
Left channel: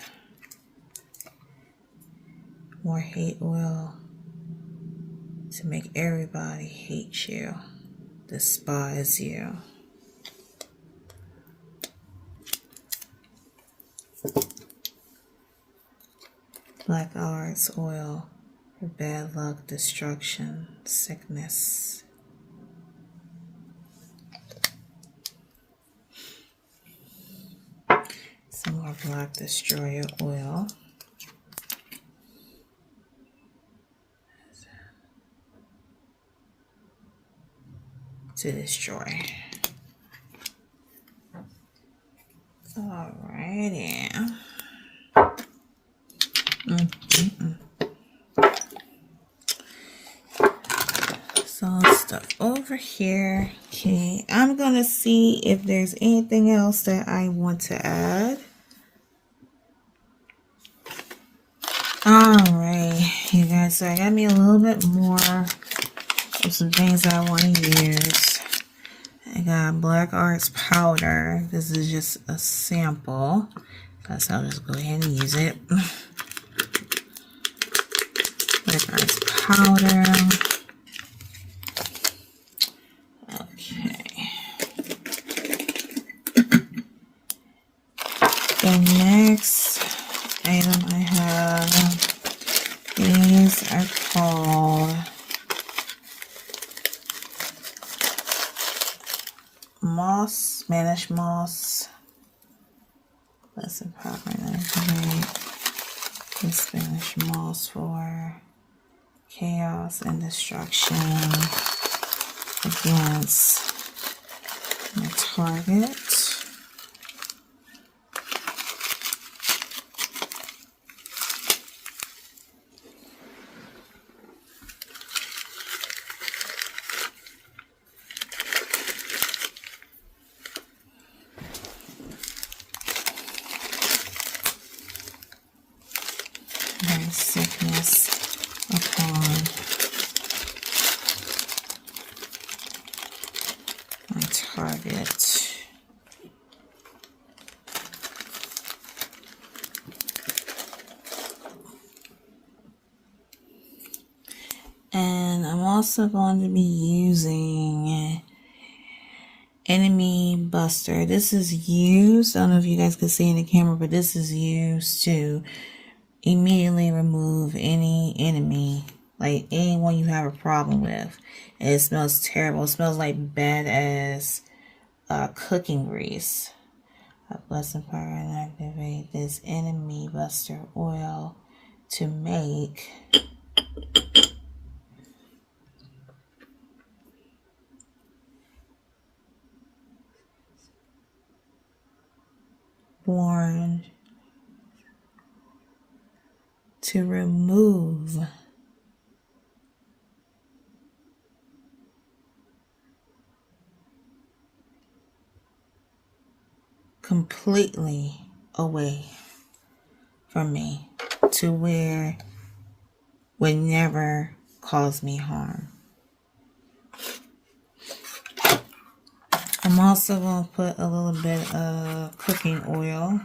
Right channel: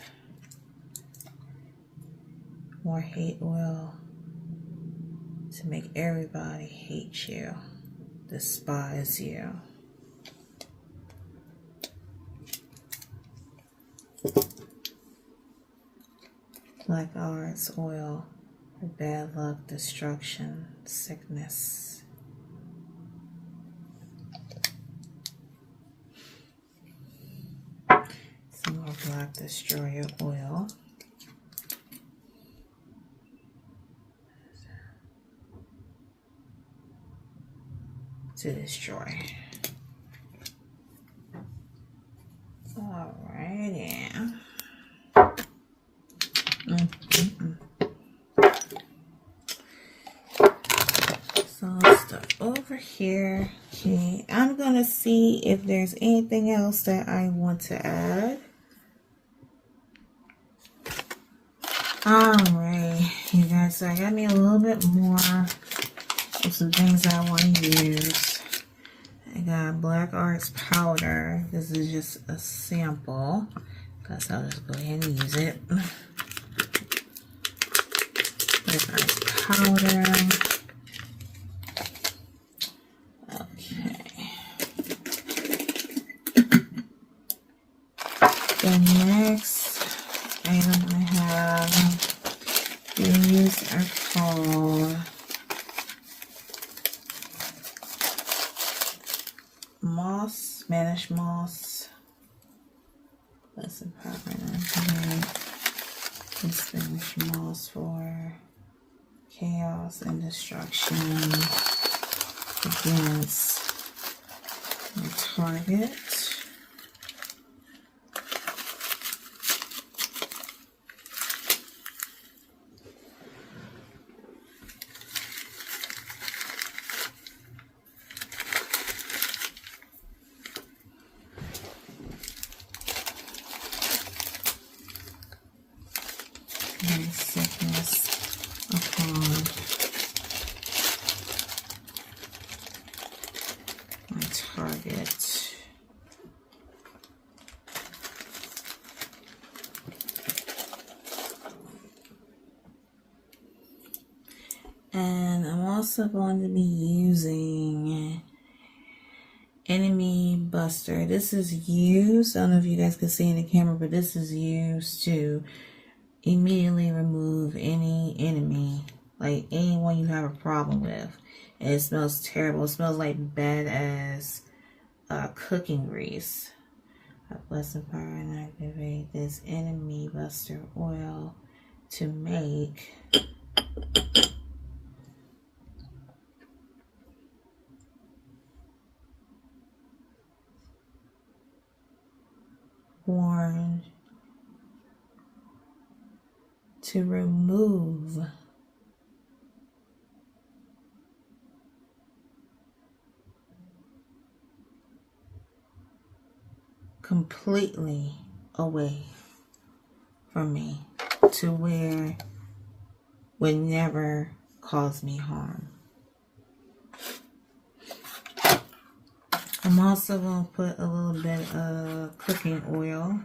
more hate oil to make everybody hate you, despise you. Black arts oil for bad luck, destruction, sickness. Some more black destroyer oil. To destroy. Alright, yeah. So stuff over here. Okay, I'm gonna see if there's anything else that I want to add. Alright, you guys, so I got me a little bit more of some things that I want to use. I got Black Arts powder. This is just a sample, so I'll just go ahead and use it. Black Arts powder. Okay. The next item I have, these are called moss, Spanish moss. That's a proper name. Spanish moss for chaos and destruction against the target. Sickness upon my target. And I'm also going to be using Enemy Buster. This is used, I don't know if you guys can see in the camera, but this is used to immediately remove any enemy, like anyone you have a problem with. And it smells terrible. It smells like bad as cooking grease. I bless the power and activate this Enemy Buster oil to make born to remove completely away from me to where would never cause me harm. I'm also going to put a little bit of cooking oil.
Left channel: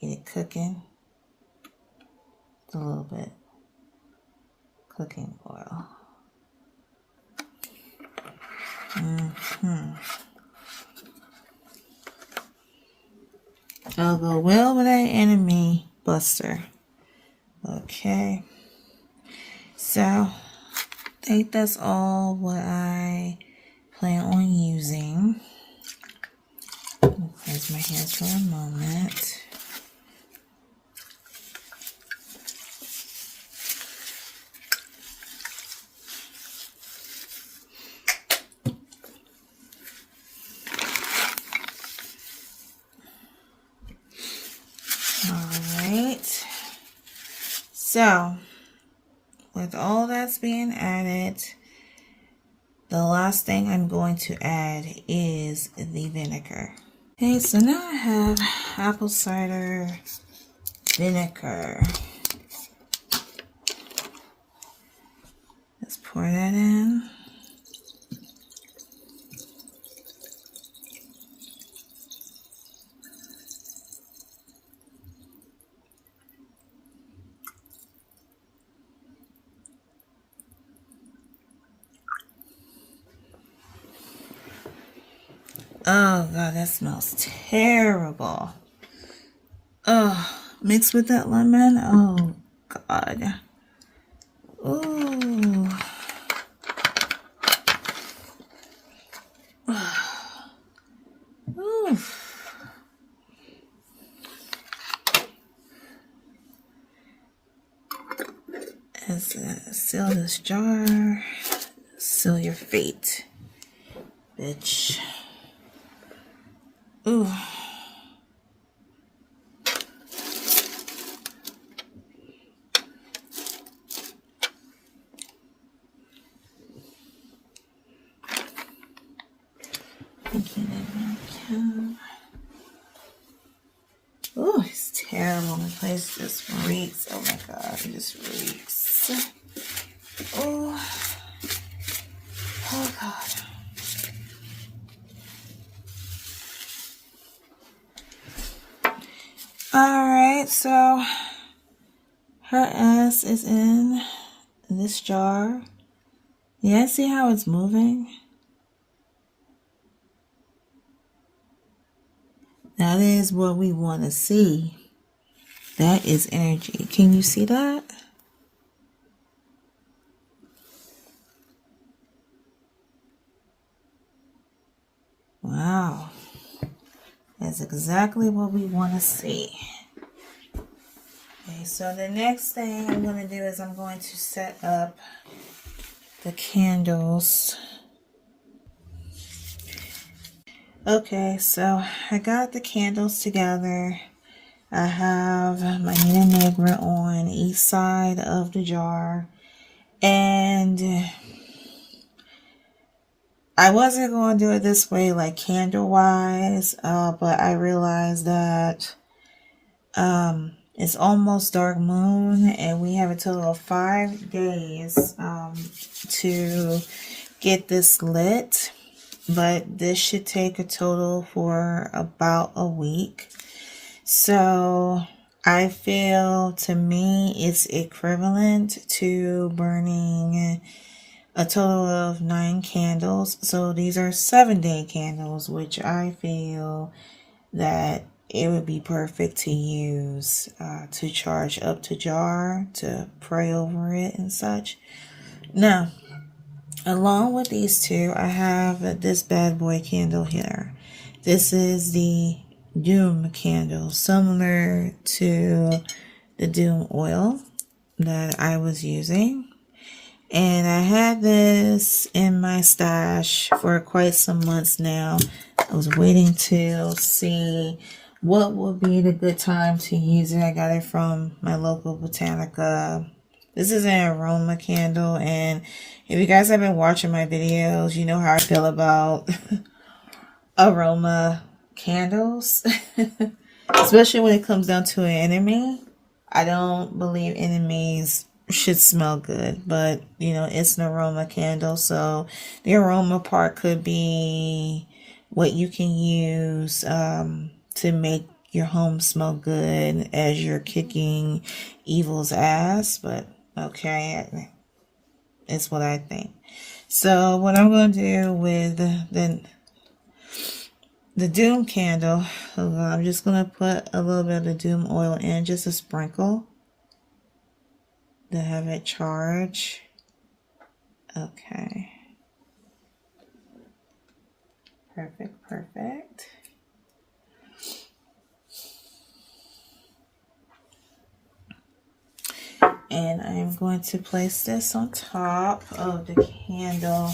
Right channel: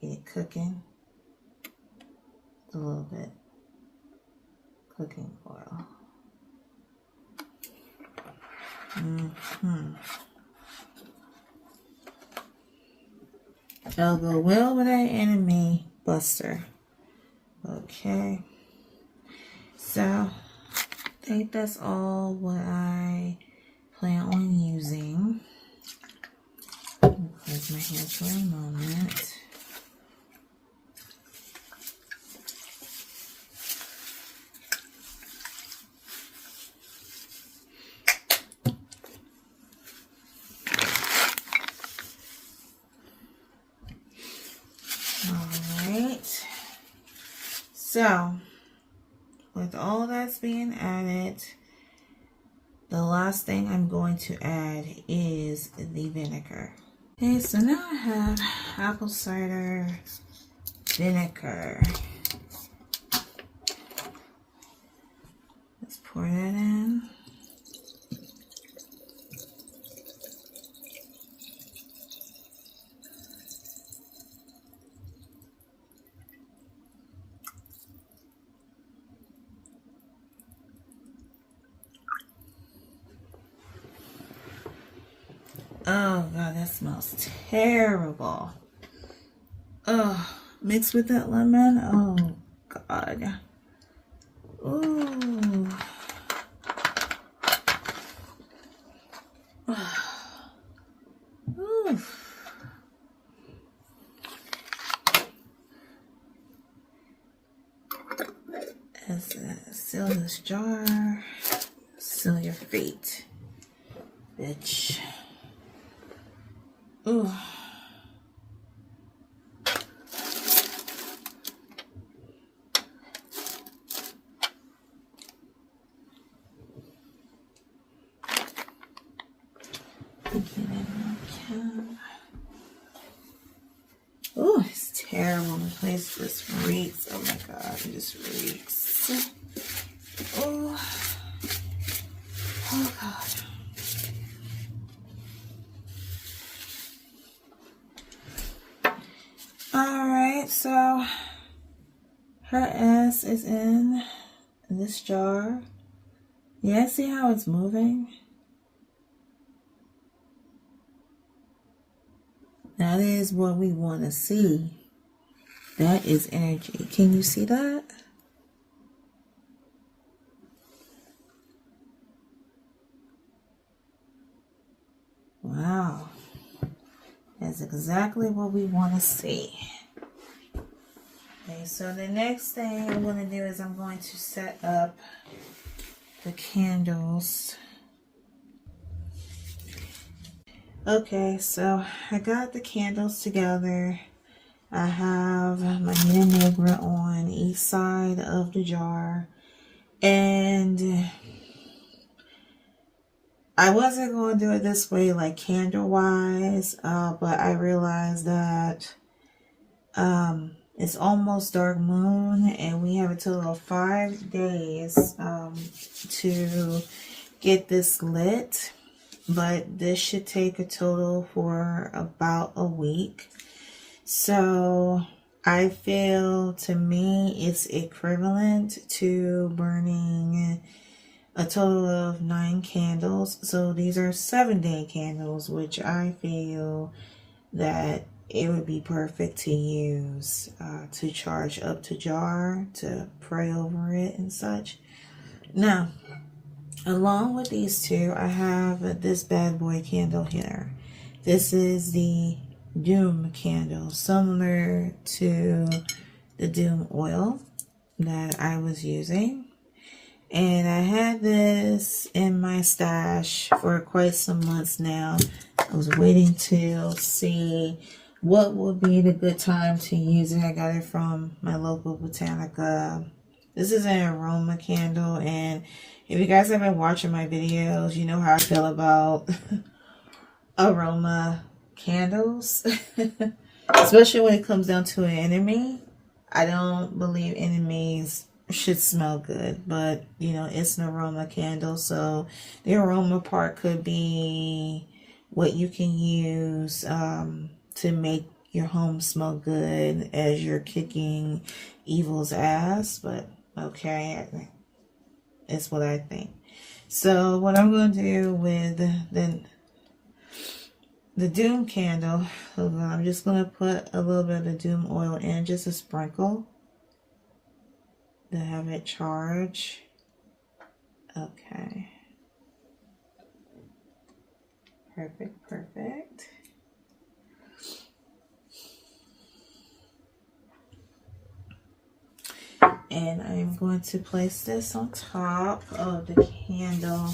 Get it cooking. A little bit cooking oil. I'll go well with that Enemy Buster. Okay. So, I think that's all what I plan on using. Close my hands for a moment. Alright, so with all that's being added, the last thing I'm going to add is the vinegar. Okay, so now I have apple cider vinegar. Let's pour that in. Oh God, that smells terrible. mixed with that lemon. Oh, God. Ooh. Ooh. Seal this jar. Seal your fate, bitch. Ooh. Oh, it's terrible. The place just reeks. Oh my God, it just reeks. Oh, oh God. Alright, so her ass is in this jar. Yeah, see how it's moving? That is what we want to see. That is energy. Can you see that? Wow. That's exactly what we want to see. Okay, so the next thing I'm going to do is I'm going to set up the candles. Okay, so I got the candles together. I have my Nina Negra on each side of the jar. And I wasn't going to do it this way, like candle-wise, but I realized that it's almost dark moon, and we have a total of 5 days to get this lit. But this should take a total for about a week. So I feel, to me, it's equivalent to burning a total of 9 candles. So these are 7-day candles, which I feel that it would be perfect to use to charge up the jar, to pray over it and such. Now, along with these two, I have this bad boy candle here. This is the Doom candle, similar to the Doom oil that I was using. And I had this in my stash for quite some months now. I was waiting to see what would be the good time to use it. I got it from my local Botanica. This is an aroma candle, and if you guys have been watching my videos, you know how I feel about aroma candles. Especially when it comes down to an enemy. I don't believe enemies should smell good, but you know, it's an aroma candle, so the aroma part could be what you can use to make your home smell good as you're kicking evil's ass. But okay, it's what I think. So what I'm going to do with the Doom candle, I'm just going to put a little bit of the Doom oil in, just a sprinkle, to have it charge. Okay. Perfect, perfect. And I'm going to place this on top of the candle.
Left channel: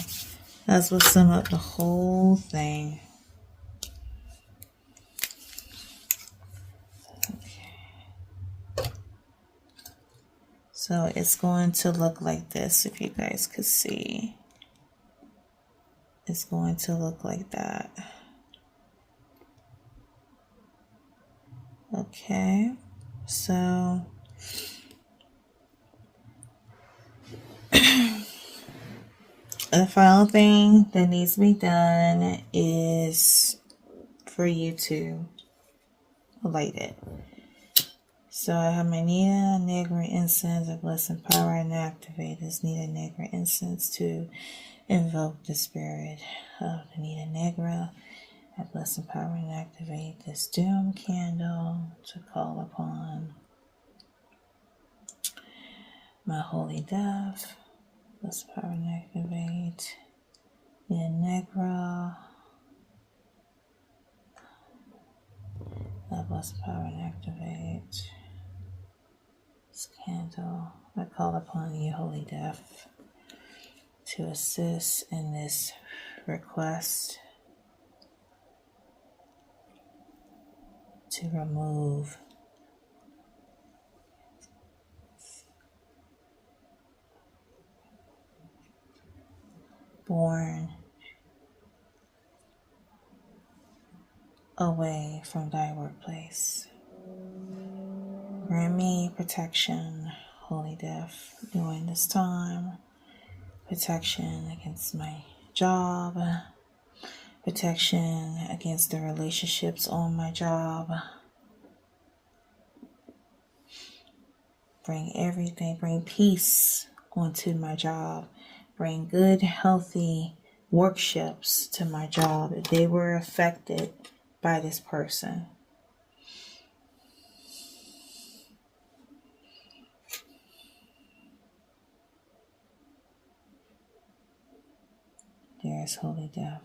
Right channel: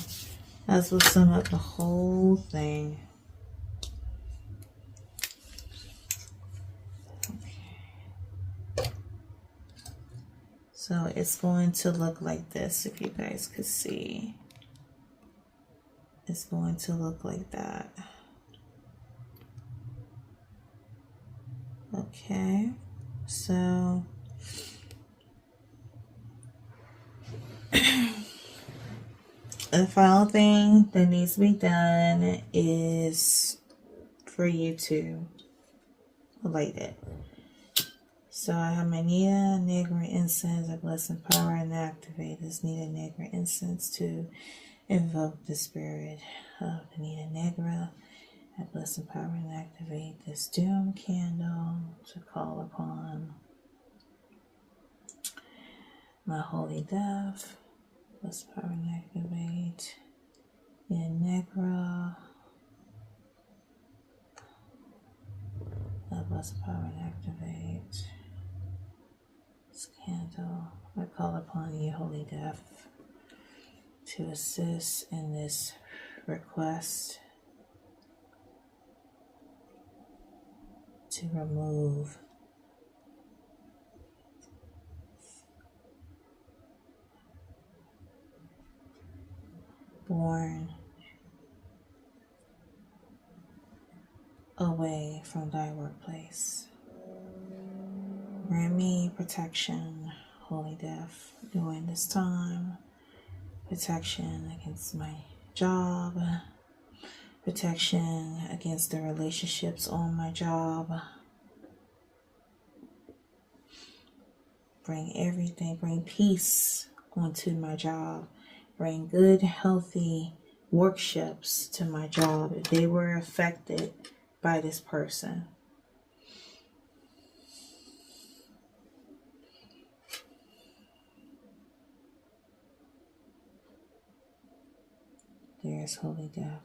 That's what sum up the whole thing. Okay. So it's going to look like this, if you guys could see. It's going to look like that. Okay, so the final thing that needs to be done is for you to light it. So I have my Nina Negra incense. I bless and power and activate this Nina Negra incense to invoke the spirit of the Nina Negra. I bless, empower, and activate this doom candle to call upon my holy dove. Bless, empower, and activate the Negra. I bless, empower, and activate this candle. I call upon you, holy dove, to assist in this request to remove born away from thy workplace. Grant me protection, holy dove, during this time. Protection against my job. Protection against the relationships on my job. Bring everything, bring peace onto my job. Bring good, healthy workshops to my job if they were affected by this person. There's holy dove.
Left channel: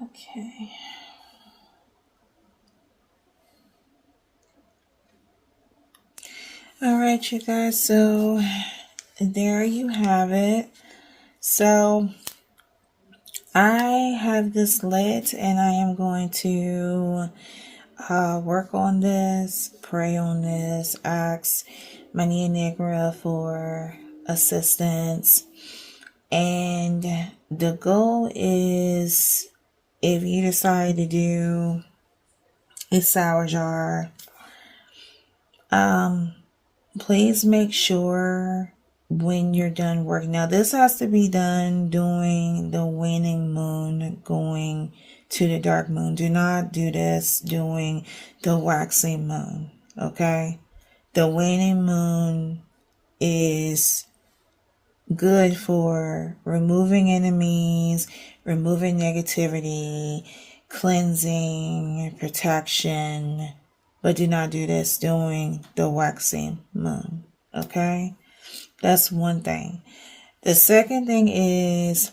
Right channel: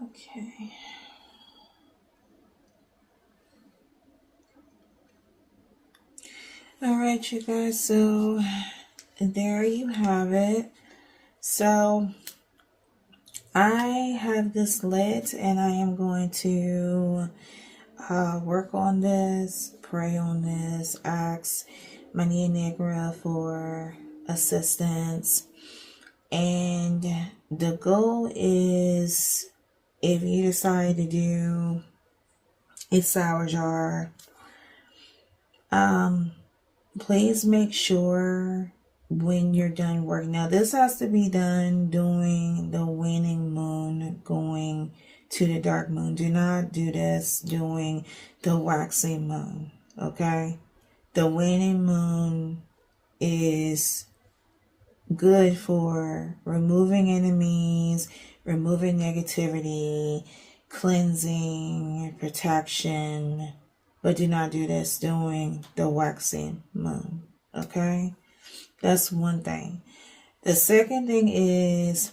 Okay. All right, you guys. So there you have it. So I have this lit and I am going to work on this, pray on this, ask my Nia Negra for assistance. And the goal is, if you decide to do a sourjar, please make sure when you're done working. Now, this has to be done during the waning moon going to the dark moon. Do not do this during the waxing moon, okay? The waning moon is good for removing enemies, removing negativity, cleansing, protection, but do not do this during the waxing moon, okay? That's one thing. The second thing is,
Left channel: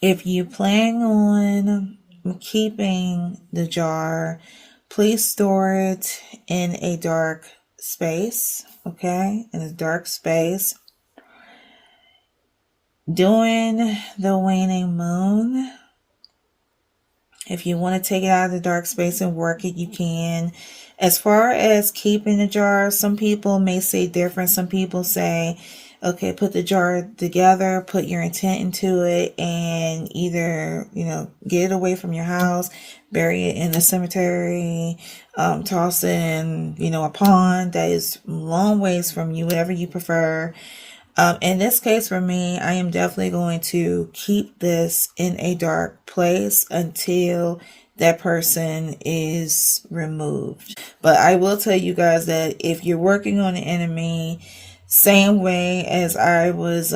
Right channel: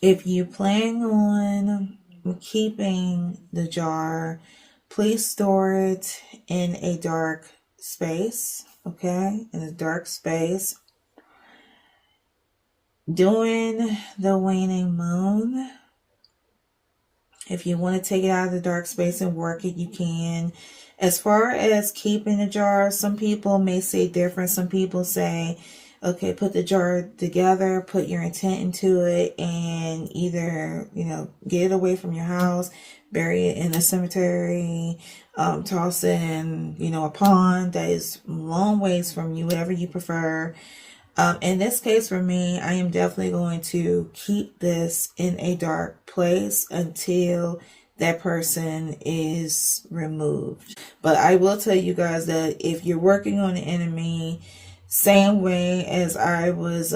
if you plan on keeping the jar, please store it in a dark space, okay? In a dark space. During the waning moon, if you want to take it out of the dark space and work it, you can. As far as keeping the jar, some people may say different. Some people say, okay, put the jar together, put your intent into it, and either, get it away from your house, bury it in the cemetery, toss it in, a pond that is long ways from you, whatever you prefer. In this case, for me, I am definitely going to keep this in a dark place until that person is removed. But I will tell you guys that if you're working on an enemy, same way as I was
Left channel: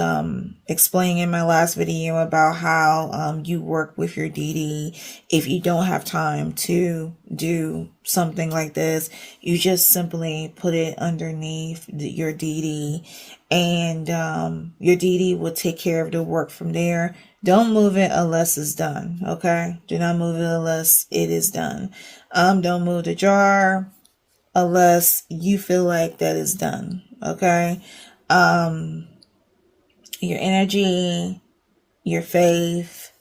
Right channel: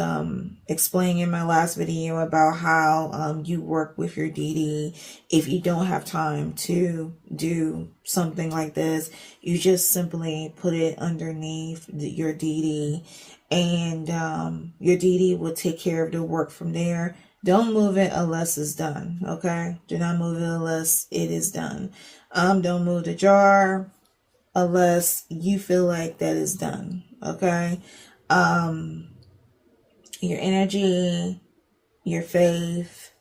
explaining in my last video about how you work with your DD, if you don't have time to do something like this, you just simply put it underneath your DD, and your DD will take care of the work from there. Don't move it unless it's done, okay? Do not move it unless it is done. Don't move the jar unless you feel like that is done, okay? Your energy, your faith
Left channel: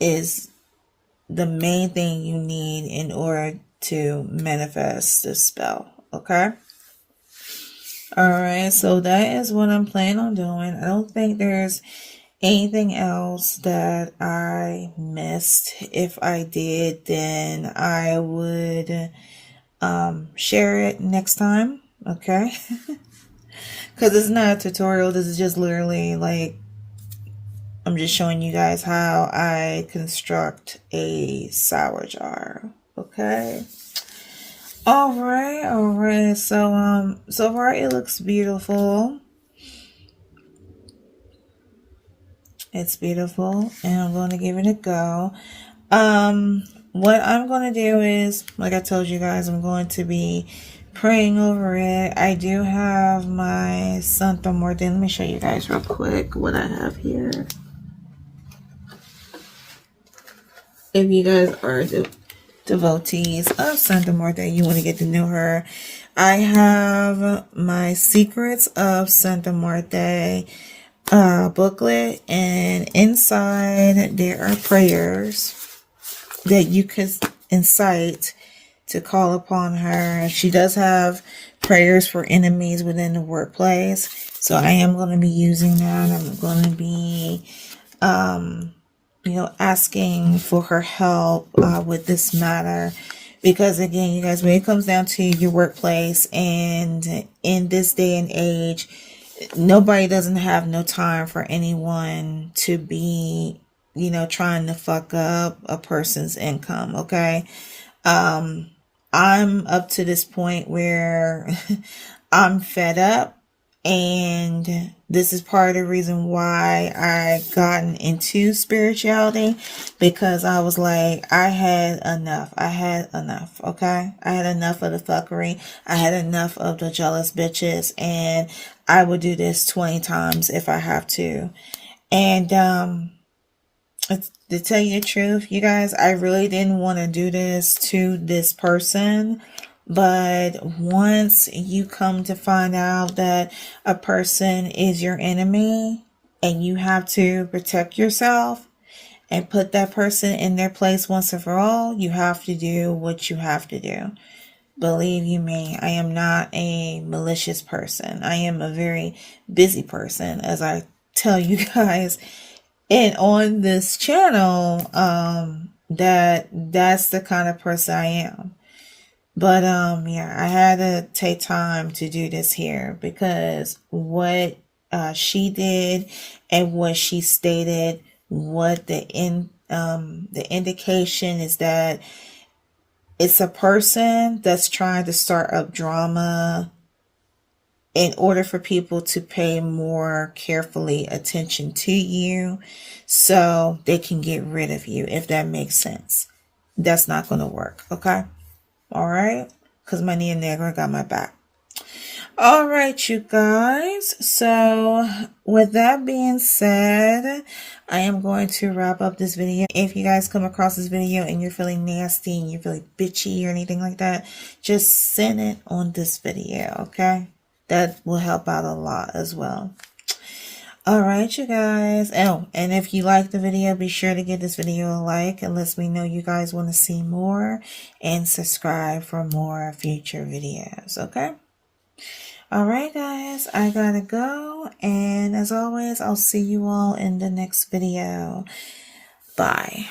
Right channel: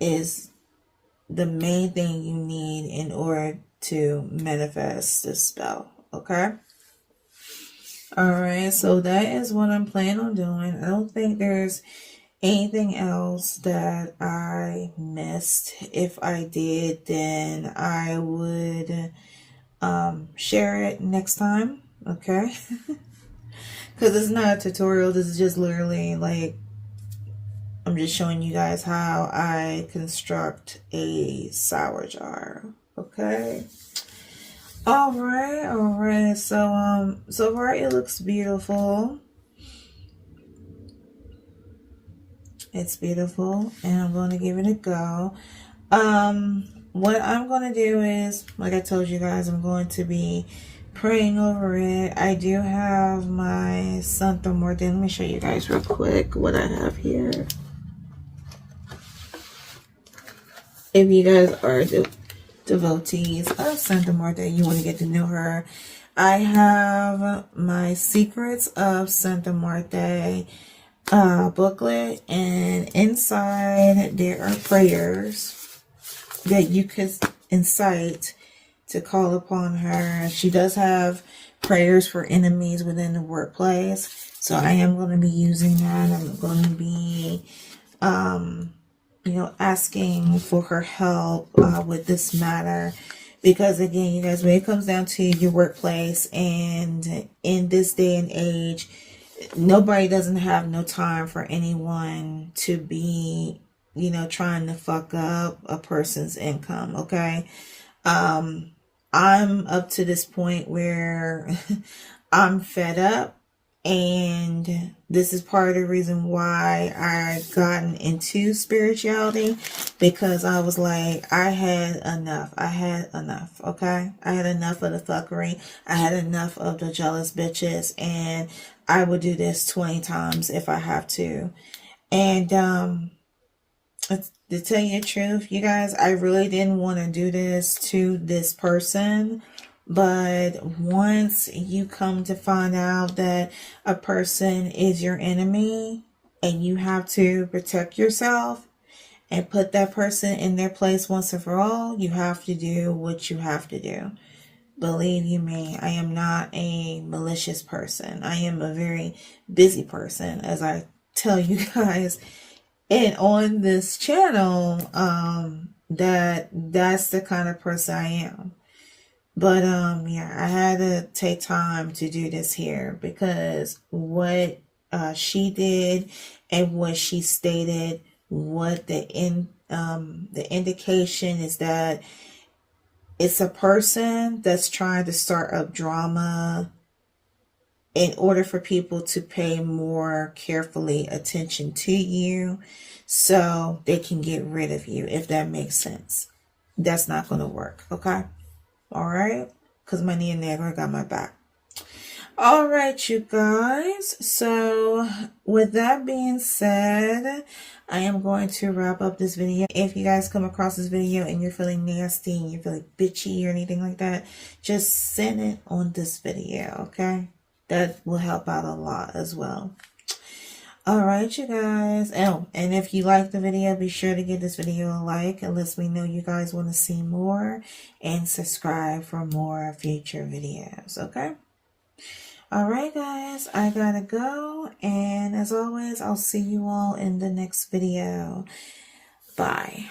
is the main thing you need in order to manifest this spell, okay? Alright, so that is what I'm planning on doing. I don't think there's anything else that I missed. If I did, then I would share it next time, okay? Because it's not a tutorial. This is just literally like, I'm just showing you guys how I construct a sour jar, okay? All right. So far it looks beautiful. It's beautiful, and I'm going to give it a go. What I'm going to do is, like I told you guys, I'm going to be praying over it. I do have my Santo Muerte. Let me show you guys real quick what I have here. If you guys are devotees of Santa Muerte, you want to get to know her, I have my Secrets of Santa Muerte booklet, and inside there are prayers that you could incite to call upon her. She does have prayers for enemies within the workplace, so I am going to be using that. I'm going to be asking for her help with this matter, because again, you guys, when it comes down to your workplace, and in this day and age, nobody doesn't have no time for anyone to be, trying to fuck up a person's income, okay? I'm up to this point where I'm fed up, and this is part of the reason why I gotten into spirituality, because I was like, I had enough, okay? I had enough of the fuckery. I had enough of the jealous bitches, and I would do this 20 times if I have to. And to tell you the truth, you guys, I really didn't want to do this to this person. But once you come to find out that a person is your enemy, and you have to protect yourself and put that person in their place once and for all, you have to do what you have to do. Believe you me, I am not a malicious person. I am a very busy person, as I tell you guys. And on this channel, that's the kind of person I am. But yeah, I had to take time to do this here, because what she did and what she stated, what the indication is that it's a person that's trying to start up drama in order for people to pay more carefully attention to you, so they can get rid of you, if that makes sense. That's not going to work, okay? All right? Because my Nia Negra got my back. All right, you guys. So with that being said, I am going to wrap up this video. If you guys come across this video and you're feeling nasty and you're feeling bitchy or anything like that, just send it on this video, okay? That will help out a lot as well. All right, you guys. Oh, and if you like the video, be sure to give this video a like. It lets me know you guys want to see more, and subscribe for more future videos, okay? All right, guys, I gotta go. And as always, I'll see you all in the next video. Bye.